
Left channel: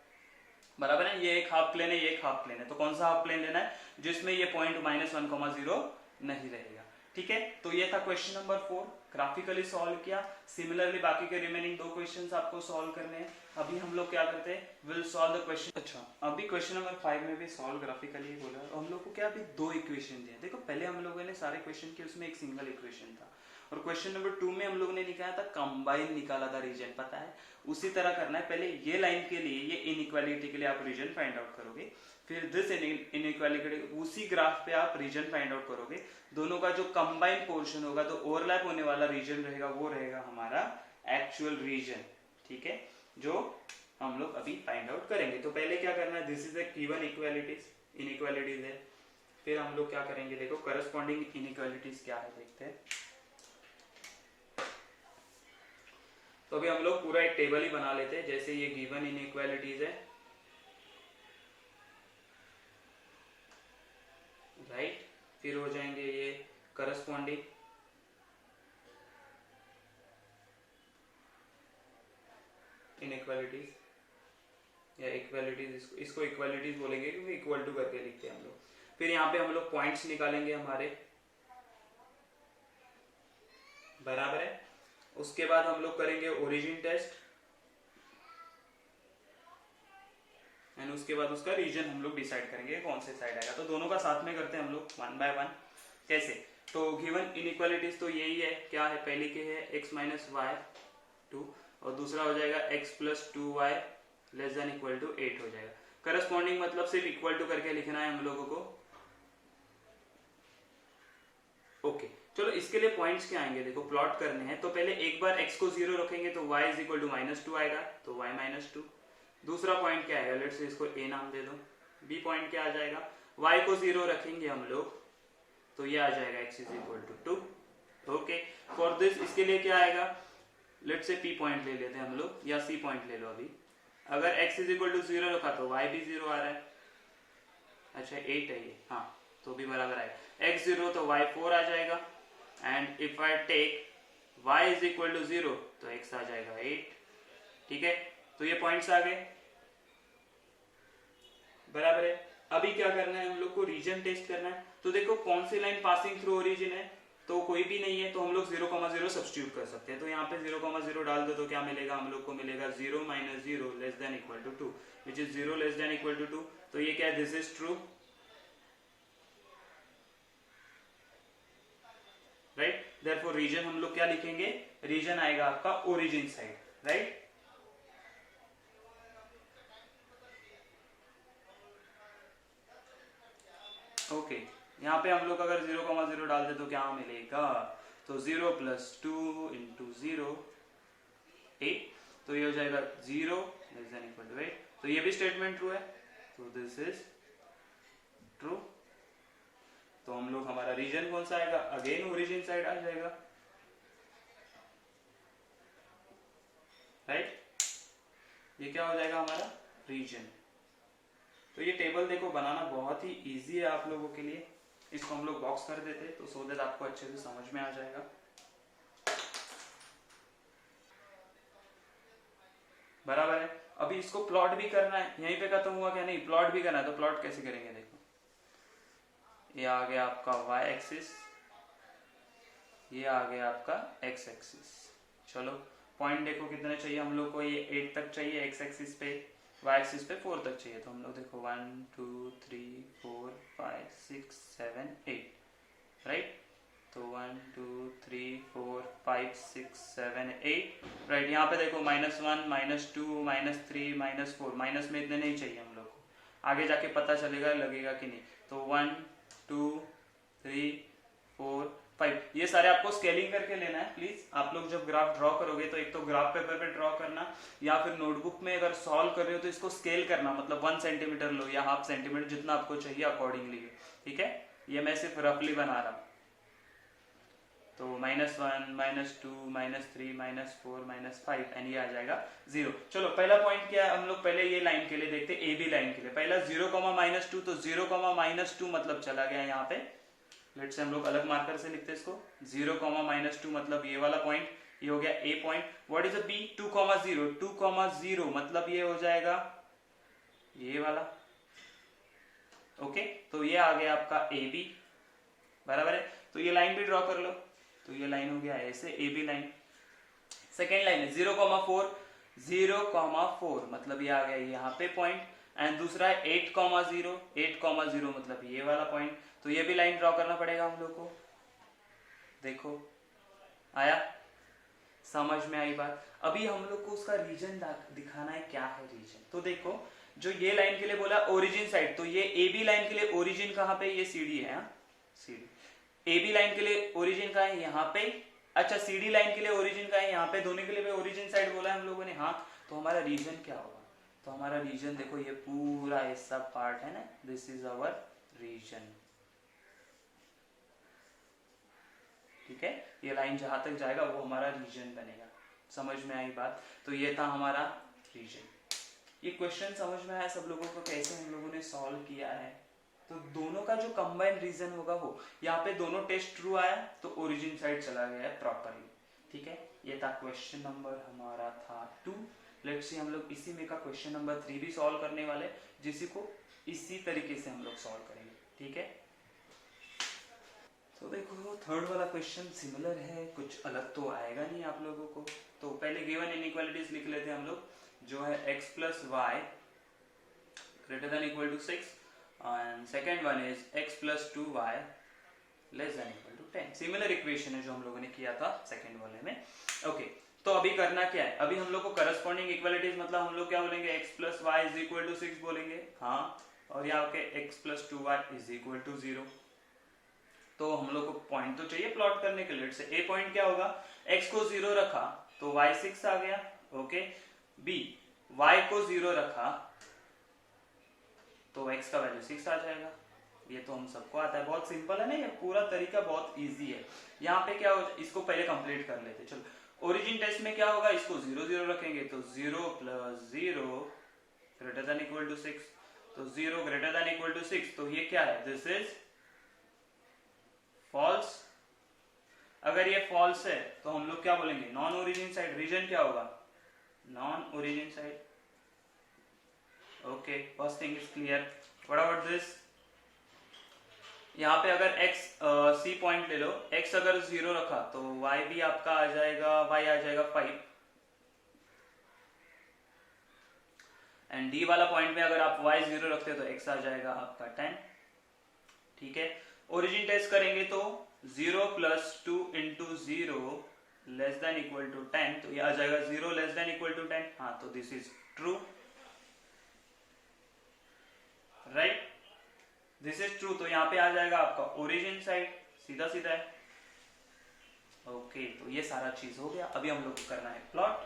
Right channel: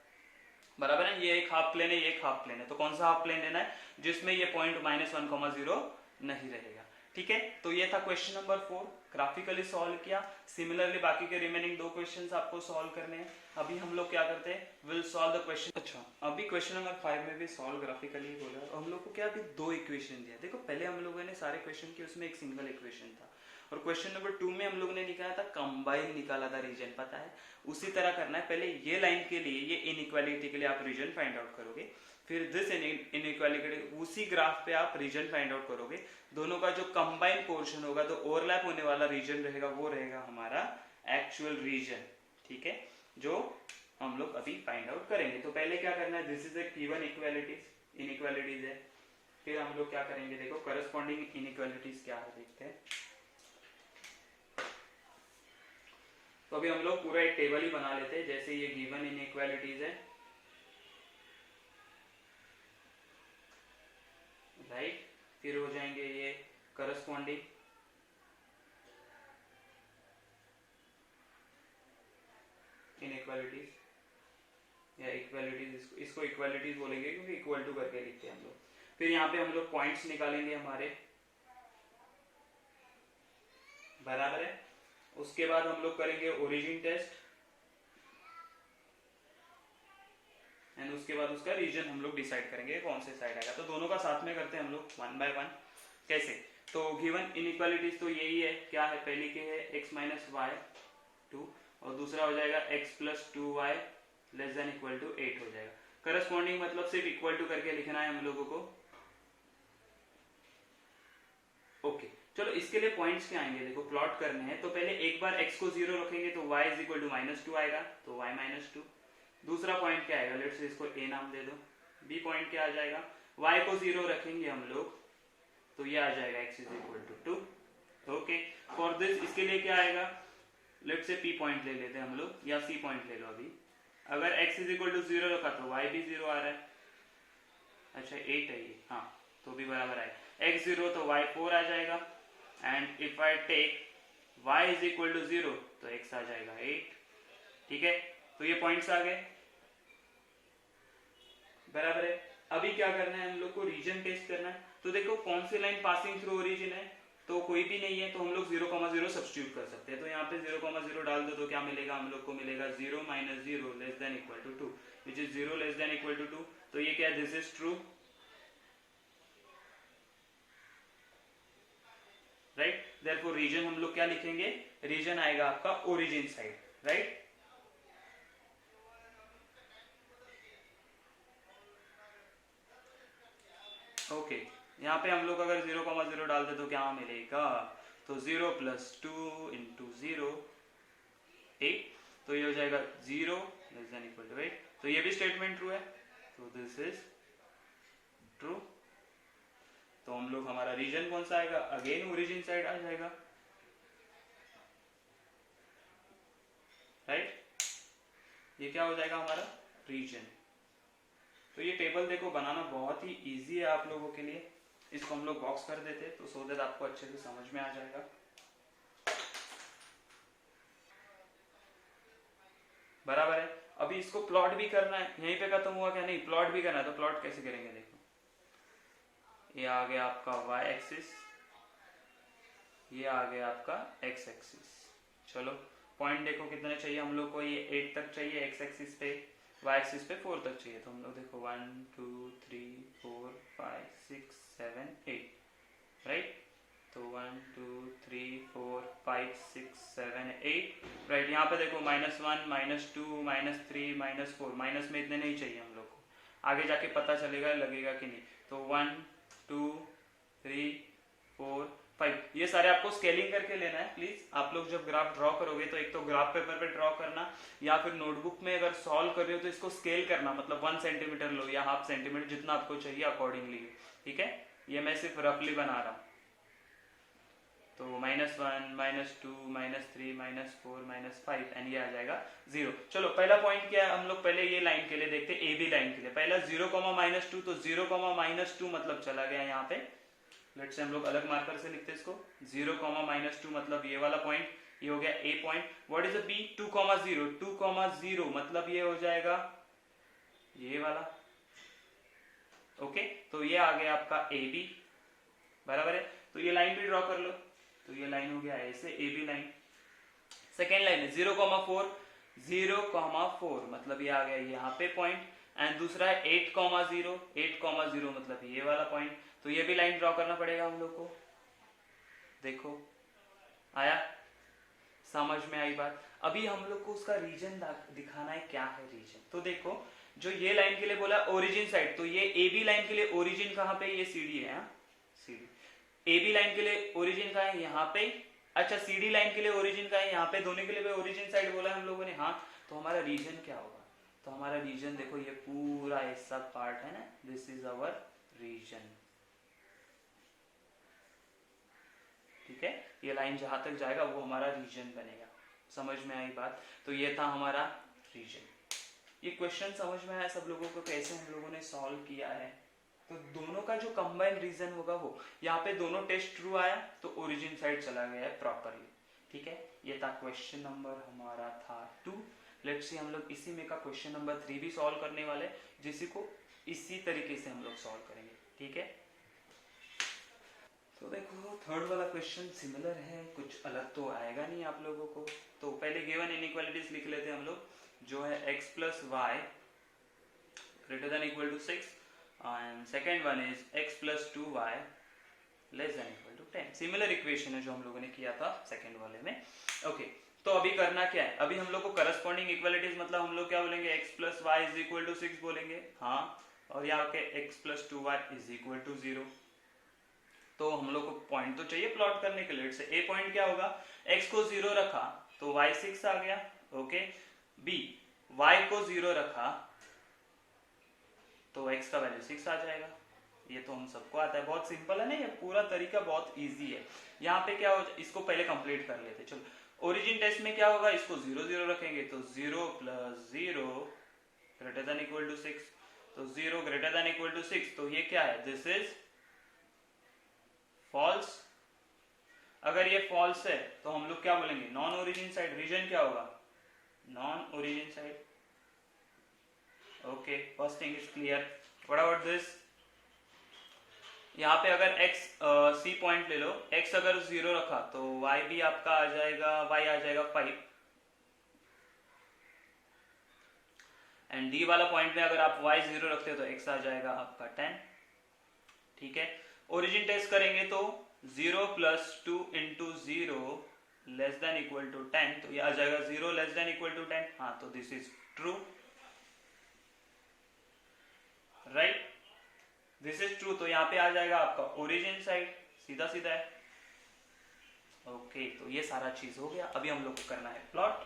बराबर है। ये एक हाफ प्लेन है, ये एक हाफ प्लेन है, तो कौन सा हाफ प्लेन लेना है जिसमें ये पॉइंट -1,0 नहीं रहेगा, ठीक है। तो ये था क्वेश्चन नंबर 4, ग्राफिकली सॉल्व किया। सिमिलरली बाकी के रिमेनिंग 2 क्वेश्चंस आपको सॉल्व करने हैं। अभी हम लोग क्या करते हैं, विल सॉल्व द क्वेश्चन। अच्छा, अभी क्वेश्चन नंबर 5 में भी सॉल्व ग्राफिकली बोला है, और हम लोग को क्या अभी 2 इक्वेशन दिया। देखो पहले हम लोगों ने सारे क्वेश्चन किए, उसमें एक सिंगल इक्वेशन था, और क्वेश्चन नंबर 2 में हम लोग ने निकाला था कंबाइन, निकाला था रीजन, पता है। उसी तरह करना है, पहले ये लाइन के लिए, ये इनइक्वालिटी के लिए आप रीजन फाइंड आउट करोगे, फिर दिस इनइक्वालिटी उसी ग्राफ पे आप रीजन फाइंड आउट करोगे। दोनों का जो कंबाइन पोर्शन होगा, तो ओवरलैप होने वाला रीजन रहेगा, वो रहेगा हमारा एक्चुअल रीजन, ठीक है, जो हम लोग अभी फाइंड आउट करेंगे। तो पहले क्या करना है, this is the given inequalities है, फिर हम लोग क्या करेंगे, देखो करस्पॉन्डिंग इनइक्वालिटीज क्या है देखते हैं। तो अभी हम लोग पूरा एक टेबल ही बना लेते हैं, जैसे ये गिवन इनइक्वालिटीज है, राइट, फिर हो जाएंगे ये करस्पॉन्डिंग इनइक्वालिटीज या इक्वालिटीज, इसको इक्वालिटीज बोलेंगे क्योंकि इक्वल टू करके लिखते हैं हम लोग। फिर यहाँ पे हम लोग पॉइंट्स निकालेंगे हमारे, बराबर है। उसके बाद हम लोग करेंगे ओरिजिन टेस्ट, एंड उसके बाद उसका रीजन हम लोग डिसाइड करेंगे कौन से साइड आएगा। तो दोनों का साथ में करते हैं हम लोग 1 बाय 1। कैसे, तो गिवन इनइक्वालिटीज तो यही है, क्या है, पहली के है x - y 2, और दूसरा हो जाएगा x + 2y ≤ 8 हो जाएगा। करस्पॉन्डिंग मतलब सिर्फ इक्वल टू करके लिखना है हम लोगों को। ओके, चलो इसके लिए पॉइंट्स क्या आएंगे, देखो प्लॉट करने हैं, तो पहले एक बार x को 0 रखेंगे तो y = -2 आएगा, तो y - 2। दूसरा पॉइंट क्या आएगा, लेट्स से इसको a नाम दे दो। b पॉइंट क्या आ जाएगा, y को 0 रखेंगे हम लोग तो ये आ जाएगा x = 2। ओके, फॉर दिस इसके लिए क्या आएगा, लेट्स से p पॉइंट ले लेते हैं हम लोग, या c पॉइंट ले लो अभी। अगर x = 0 रखा तो y भी 0 आ रहा है, अच्छा 8 है ये, हाँ तो भी बराबर आए, x 0 तो y 4 आ जाएगा, and if I take y = 0 तो x आ जाएगा 8, ठीक है। तो ये पॉइंट्स आ गए, बराबर है। अभी क्या करना है, हम लोग को रीजन टेस्ट करना है। तो देखो कौन सी लाइन पासिंग थ्रू ओरिजिन है, तो कोई भी नहीं है, तो हम लोग 0,0 सब्स्टिट्यूट कर सकते हैं। तो यहाँ पे 0,0 डाल दो तो क्या मिलेगा, हम लोग को मिलेगा 0 - 0 <= 2, विच इज 0 <= 2। तो ये क्या है, this is true, right. Therefore region हम लोग क्या लिखेंगे, रीजन आएगा आपका ओरिजिन साइड, राइट। ओके, यहाँ पे हम लोग अगर 0,0 डाल दे तो क्या मिलेगा, तो 0 + 2 × 0 8, तो ये हो जाएगा 0 <= 8। तो ये भी स्टेटमेंट ट्रू है, तो दिस इज ट्रू। तो हम लोग, हमारा रीजन कौन सा आएगा, अगेन ओरिजिन साइड आ जाएगा, राइट। ये क्या हो जाएगा हमारा रीजन। तो ये टेबल देखो बनाना बहुत ही इजी है आप लोगों के लिए। इसको हम लोग बॉक्स कर देते तो सो दैट आपको अच्छे से समझ में आ जाएगा, बराबर है। अभी इसको प्लॉट भी करना है, यहीं पे खत्म हुआ क्या, नहीं प्लॉट भी करना है। तो प्लॉट कैसे करेंगे, देखो ये आ गया आपका y एक्सिस, ये आ गया आपका x एक्सिस। चलो पॉइंट देखो कितने चाहिए हम लोग को, ये 8 तक चाहिए x एक्सिस पे, वाई एक्सिस पे 4 तक चाहिए, तो हम लोग देखो 1 2 3 4 5 6 7 8, राइट। तो 1 2 3 4 5 6 7 8, राइट। यहाँ पे देखो -1 -2 -3 -4, माइनस में इतने नहीं चाहिए हम लोग को, आगे जाके पता चलेगा लगेगा कि नहीं। तो 1 2 3 4 5, ये सारे आपको स्केलिंग करके लेना है प्लीज। आप लोग जब ग्राफ ड्रॉ करोगे तो एक तो ग्राफ पेपर पे ड्रॉ करना, या फिर नोटबुक में अगर सॉल्व कर रहे हो तो इसको स्केल करना, मतलब 1 सेंटीमीटर लो या ½ सेंटीमीटर, जितना आपको चाहिए अकॉर्डिंगली, ठीक है। ये मैं सिर्फ रफली बना रहा हूँ। तो -1 -2 -3 -4 -5 एंड ये आ जाएगा 0। चलो पहला पॉइंट क्या है, हम लोग पहले ये लाइन के लिए देखते हैं, ए बी लाइन के लिए। पहला 0, -2, तो 0, -2 मतलब चला गया यहाँ पे। लेट से हम लोग अलग मार्कर से लिखते हैं इसको। 0, -2 मतलब ये वाला पॉइंट, ये हो गया A point. What is B? 2, 0, 2, 0 मतलब ये हो जाएगा ये वाला, ओके। तो ये आ गया आपका ए बी, बराबर है। तो ये लाइन भी ड्रॉ कर लो, तो ये लाइन हो गया ऐसे A B line. Second line है 0, 4, 0, 4 मतलब ये आ गया यहाँ पे पॉइंट। एंड दूसरा है 8, 0, 8, 0 मतलब ये वाला पॉइंट। तो ये भी लाइन ड्रॉ करना पड़ेगा हम लोग को। देखो आया, समझ में आई बात। अभी हम लोग को उसका रीजन दिखाना है, क्या है रीजन। तो देखो जो ये लाइन के लिए बोला ओरिजिन साइड, तो ये ए बी लाइन के लिए ओरिजिन कहाँ पे, ये सी डी है, C D. A B line के लिए ओरिजिन कहाँ है, यहाँ पे। अच्छा सी डी लाइन के लिए ओरिजिन कहाँ है, यहाँ पे। दोनों के लिए ओरिजिन साइड बोला हम लोगों ने, हाँ। तो हमारा रीजन क्या होगा, तो हमारा रीजन देखो ये पूरा ये सब पार्ट है ना, दिस इज अवर रीजन, ठीक है। ये लाइन जहां तक जाएगा वो हमारा रीजन बनेगा। समझ में आई बात। तो ये था हमारा रीजन। ये क्वेश्चन समझ में आया सब लोगों को, कैसे हम लोगों ने सॉल्व किया है। तो दोनों का जो कंबाइंड रीजन होगा वो, यहाँ पे दोनों टेस्ट ट्रू आया तो ओरिजिन साइड चला गया है प्रॉपरली, ठीक है। ये था क्वेश्चन नंबर हमारा था 2। लेट्स सी हम लोग इसी में का क्वेश्चन नंबर 3 भी सॉल्व करने वाले, जिसी को इसी तरीके से हम लोग सॉल्व करेंगे, ठीक है। तो देखो थर्ड वाला क्वेश्चन सिमिलर है, कुछ अलग तो आएगा नहीं आप लोगों को। तो पहले गिवन इनइक्वालिटीज लिख लेते हैं हम लोग, जो है x plus y greater than equal to 6 and second one is x plus 2y less than equal to 10। Similar equation है जो हम लोगों ने किया था सेकंड वाले में, ओके। तो अभी करना क्या है, अभी हम लोग को करस्पॉन्डिंग इक्वालिटीज मतलब हम लोग क्या बोलेंगे, x plus y is equal to 6 बोलेंगे, हाँ। और यहाँ के x plus 2y is equal to 0। तो हम लोग को पॉइंट तो चाहिए प्लॉट करने के लिए। से ए पॉइंट क्या होगा, x को 0 रखा तो y 6 आ गया, ओके। बी y को 0 रखा तो x का वैल्यू 6 आ जाएगा। ये तो हम सबको आता है, बहुत सिंपल है ना, ये पूरा तरीका बहुत इजी है। यहाँ पे क्या हो, इसको पहले कंप्लीट कर लेते। चलो ओरिजिन टेस्ट में क्या होगा, इसको 0 0 रखेंगे तो 0 + 0 ग्रेटर देन इक्वल टू 6, तो 0 ग्रेटर देन इक्वल टू 6, तो ये क्या है, दिस इज फॉल्स। अगर ये फॉल्स है तो हम लोग क्या बोलेंगे, नॉन ओरिजिन साइड। रीजन क्या होगा, non origin side, okay. First thing is clear. What about this, यहाँ पे अगर x सी पॉइंट ले लो, x अगर 0 रखा तो y भी आपका आ जाएगा, y आ जाएगा 5, एंड d वाला पॉइंट में अगर आप y 0 रखते हो तो x आ जाएगा आपका 10, ठीक है। ओरिजिन टेस्ट करेंगे तो 0 + 2 × 0 लेस देन इक्वल टू 10, तो ये आ जाएगा 0 लेस देन इक्वल टू 10, हाँ। तो this is true, right, this is true. तो यहाँ पे आ जाएगा आपका ओरिजिन साइड, सीधा सीधा है, ओके। तो ये सारा चीज हो गया। अभी हम लोग को करना है प्लॉट।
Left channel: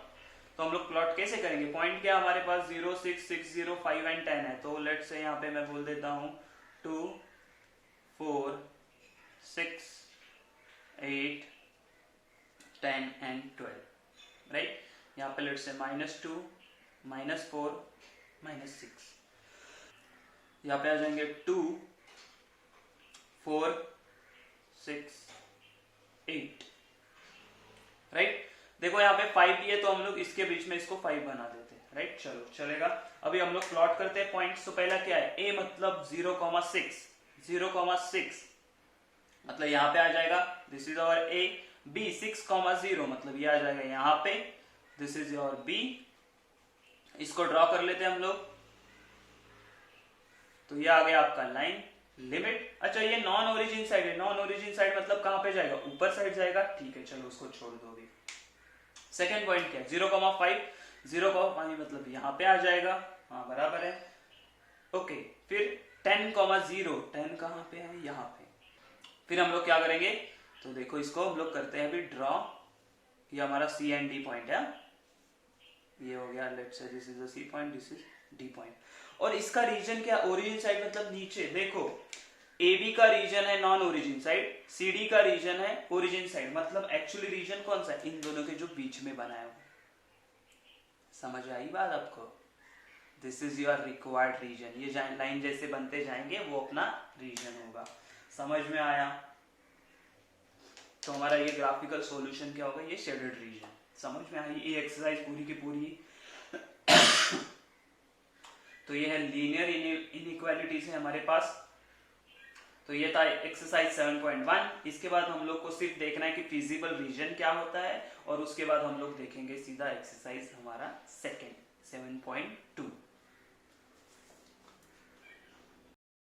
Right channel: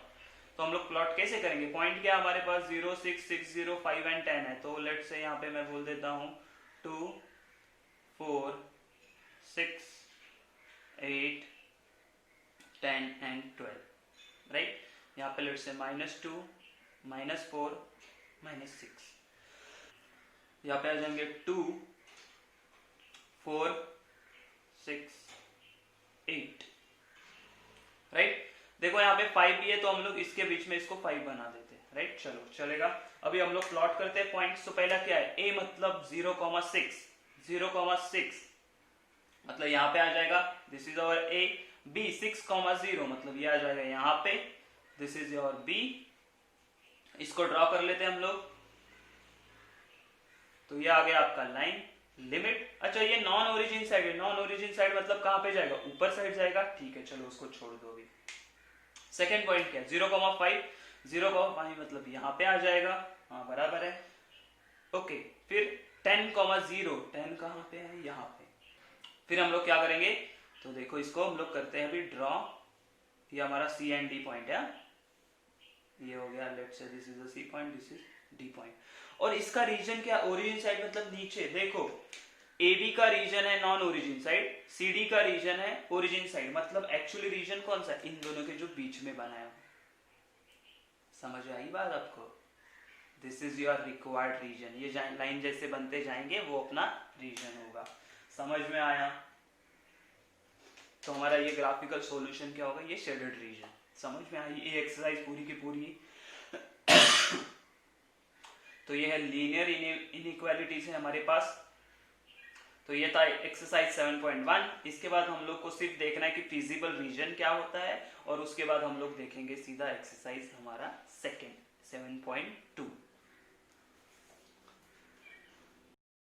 तो हम लोग प्लॉट कैसे करेंगे, पॉइंट क्या हमारे पास 0 6 6 0 5 एंड 10 है। तो लेट्स से यहाँ पे मैं बोल देता हूँ 2 4 6 8 10 एंड 12, राइट। यहाँ पे लेट्स से -2 -4 -6, यहाँ पे आ जाएंगे 2 4 6 8, राइट। देखो यहाँ पे 5 भी है तो हम लोग इसके बीच में इसको 5 बना देते हैं, राइट। चलो चलेगा। अभी हम लोग प्लॉट करते हैं पॉइंट्स। तो पहला क्या है, a मतलब 0,6, 0,6 मतलब यहाँ पे आ जाएगा, this is our a। b 6,0 मतलब ये आ जाएगा यहाँ पे, दिस इज योर b। इसको ड्रॉ कर लेते हैं हम लोग। तो ये आ गया आपका लाइन लिमिट। अच्छा ये नॉन ओरिजिन साइड है, नॉन ओरिजिन साइड मतलब कहां पे जाएगा, ऊपर साइड जाएगा, ठीक है चलो उसको छोड़ दो अभी। सेकेंड पॉइंट क्या है, 0,5, 0,5 मतलब यहाँ पे आ जाएगा, हाँ बराबर है। ओके फिर 10,0, 10 कहाँ पे है, यहाँ पे। फिर हम लोग क्या करेंगे, तो देखो इसको हम लोग करते हैं अभी ड्रॉ। ये हमारा सी एंड डी पॉइंट है, ये हो गया, let's say this is the C point, this is D point. और इसका रीजन क्या, ओरिजिन साइड मतलब नीचे। देखो ए बी का रीजन है non origin side, C D का रीजन है ओरिजिन साइड, मतलब एक्चुअली रीजन कौन सा, इन दोनों के जो बीच में बनाया हो। समझ आई बात आपको, this is your required region. ये लाइन जैसे बनते जाएंगे वो अपना रीजन होगा। समझ में आया। तो हमारा ये ग्राफिकल सॉल्यूशन क्या होगा, ये शेडेड रीजन। समझ में आई ये एक्सरसाइज पूरी की पूरी। तो ये है लीनियर इनइक्वालिटीज है हमारे पास। तो ये था एक्सरसाइज 7.1। इसके बाद हम लोग को सिर्फ देखना है कि फिजिबल रीजन क्या होता है, और उसके बाद हम लोग देखेंगे सीधा एक्सरसाइज हमारा सेकंड 7.2।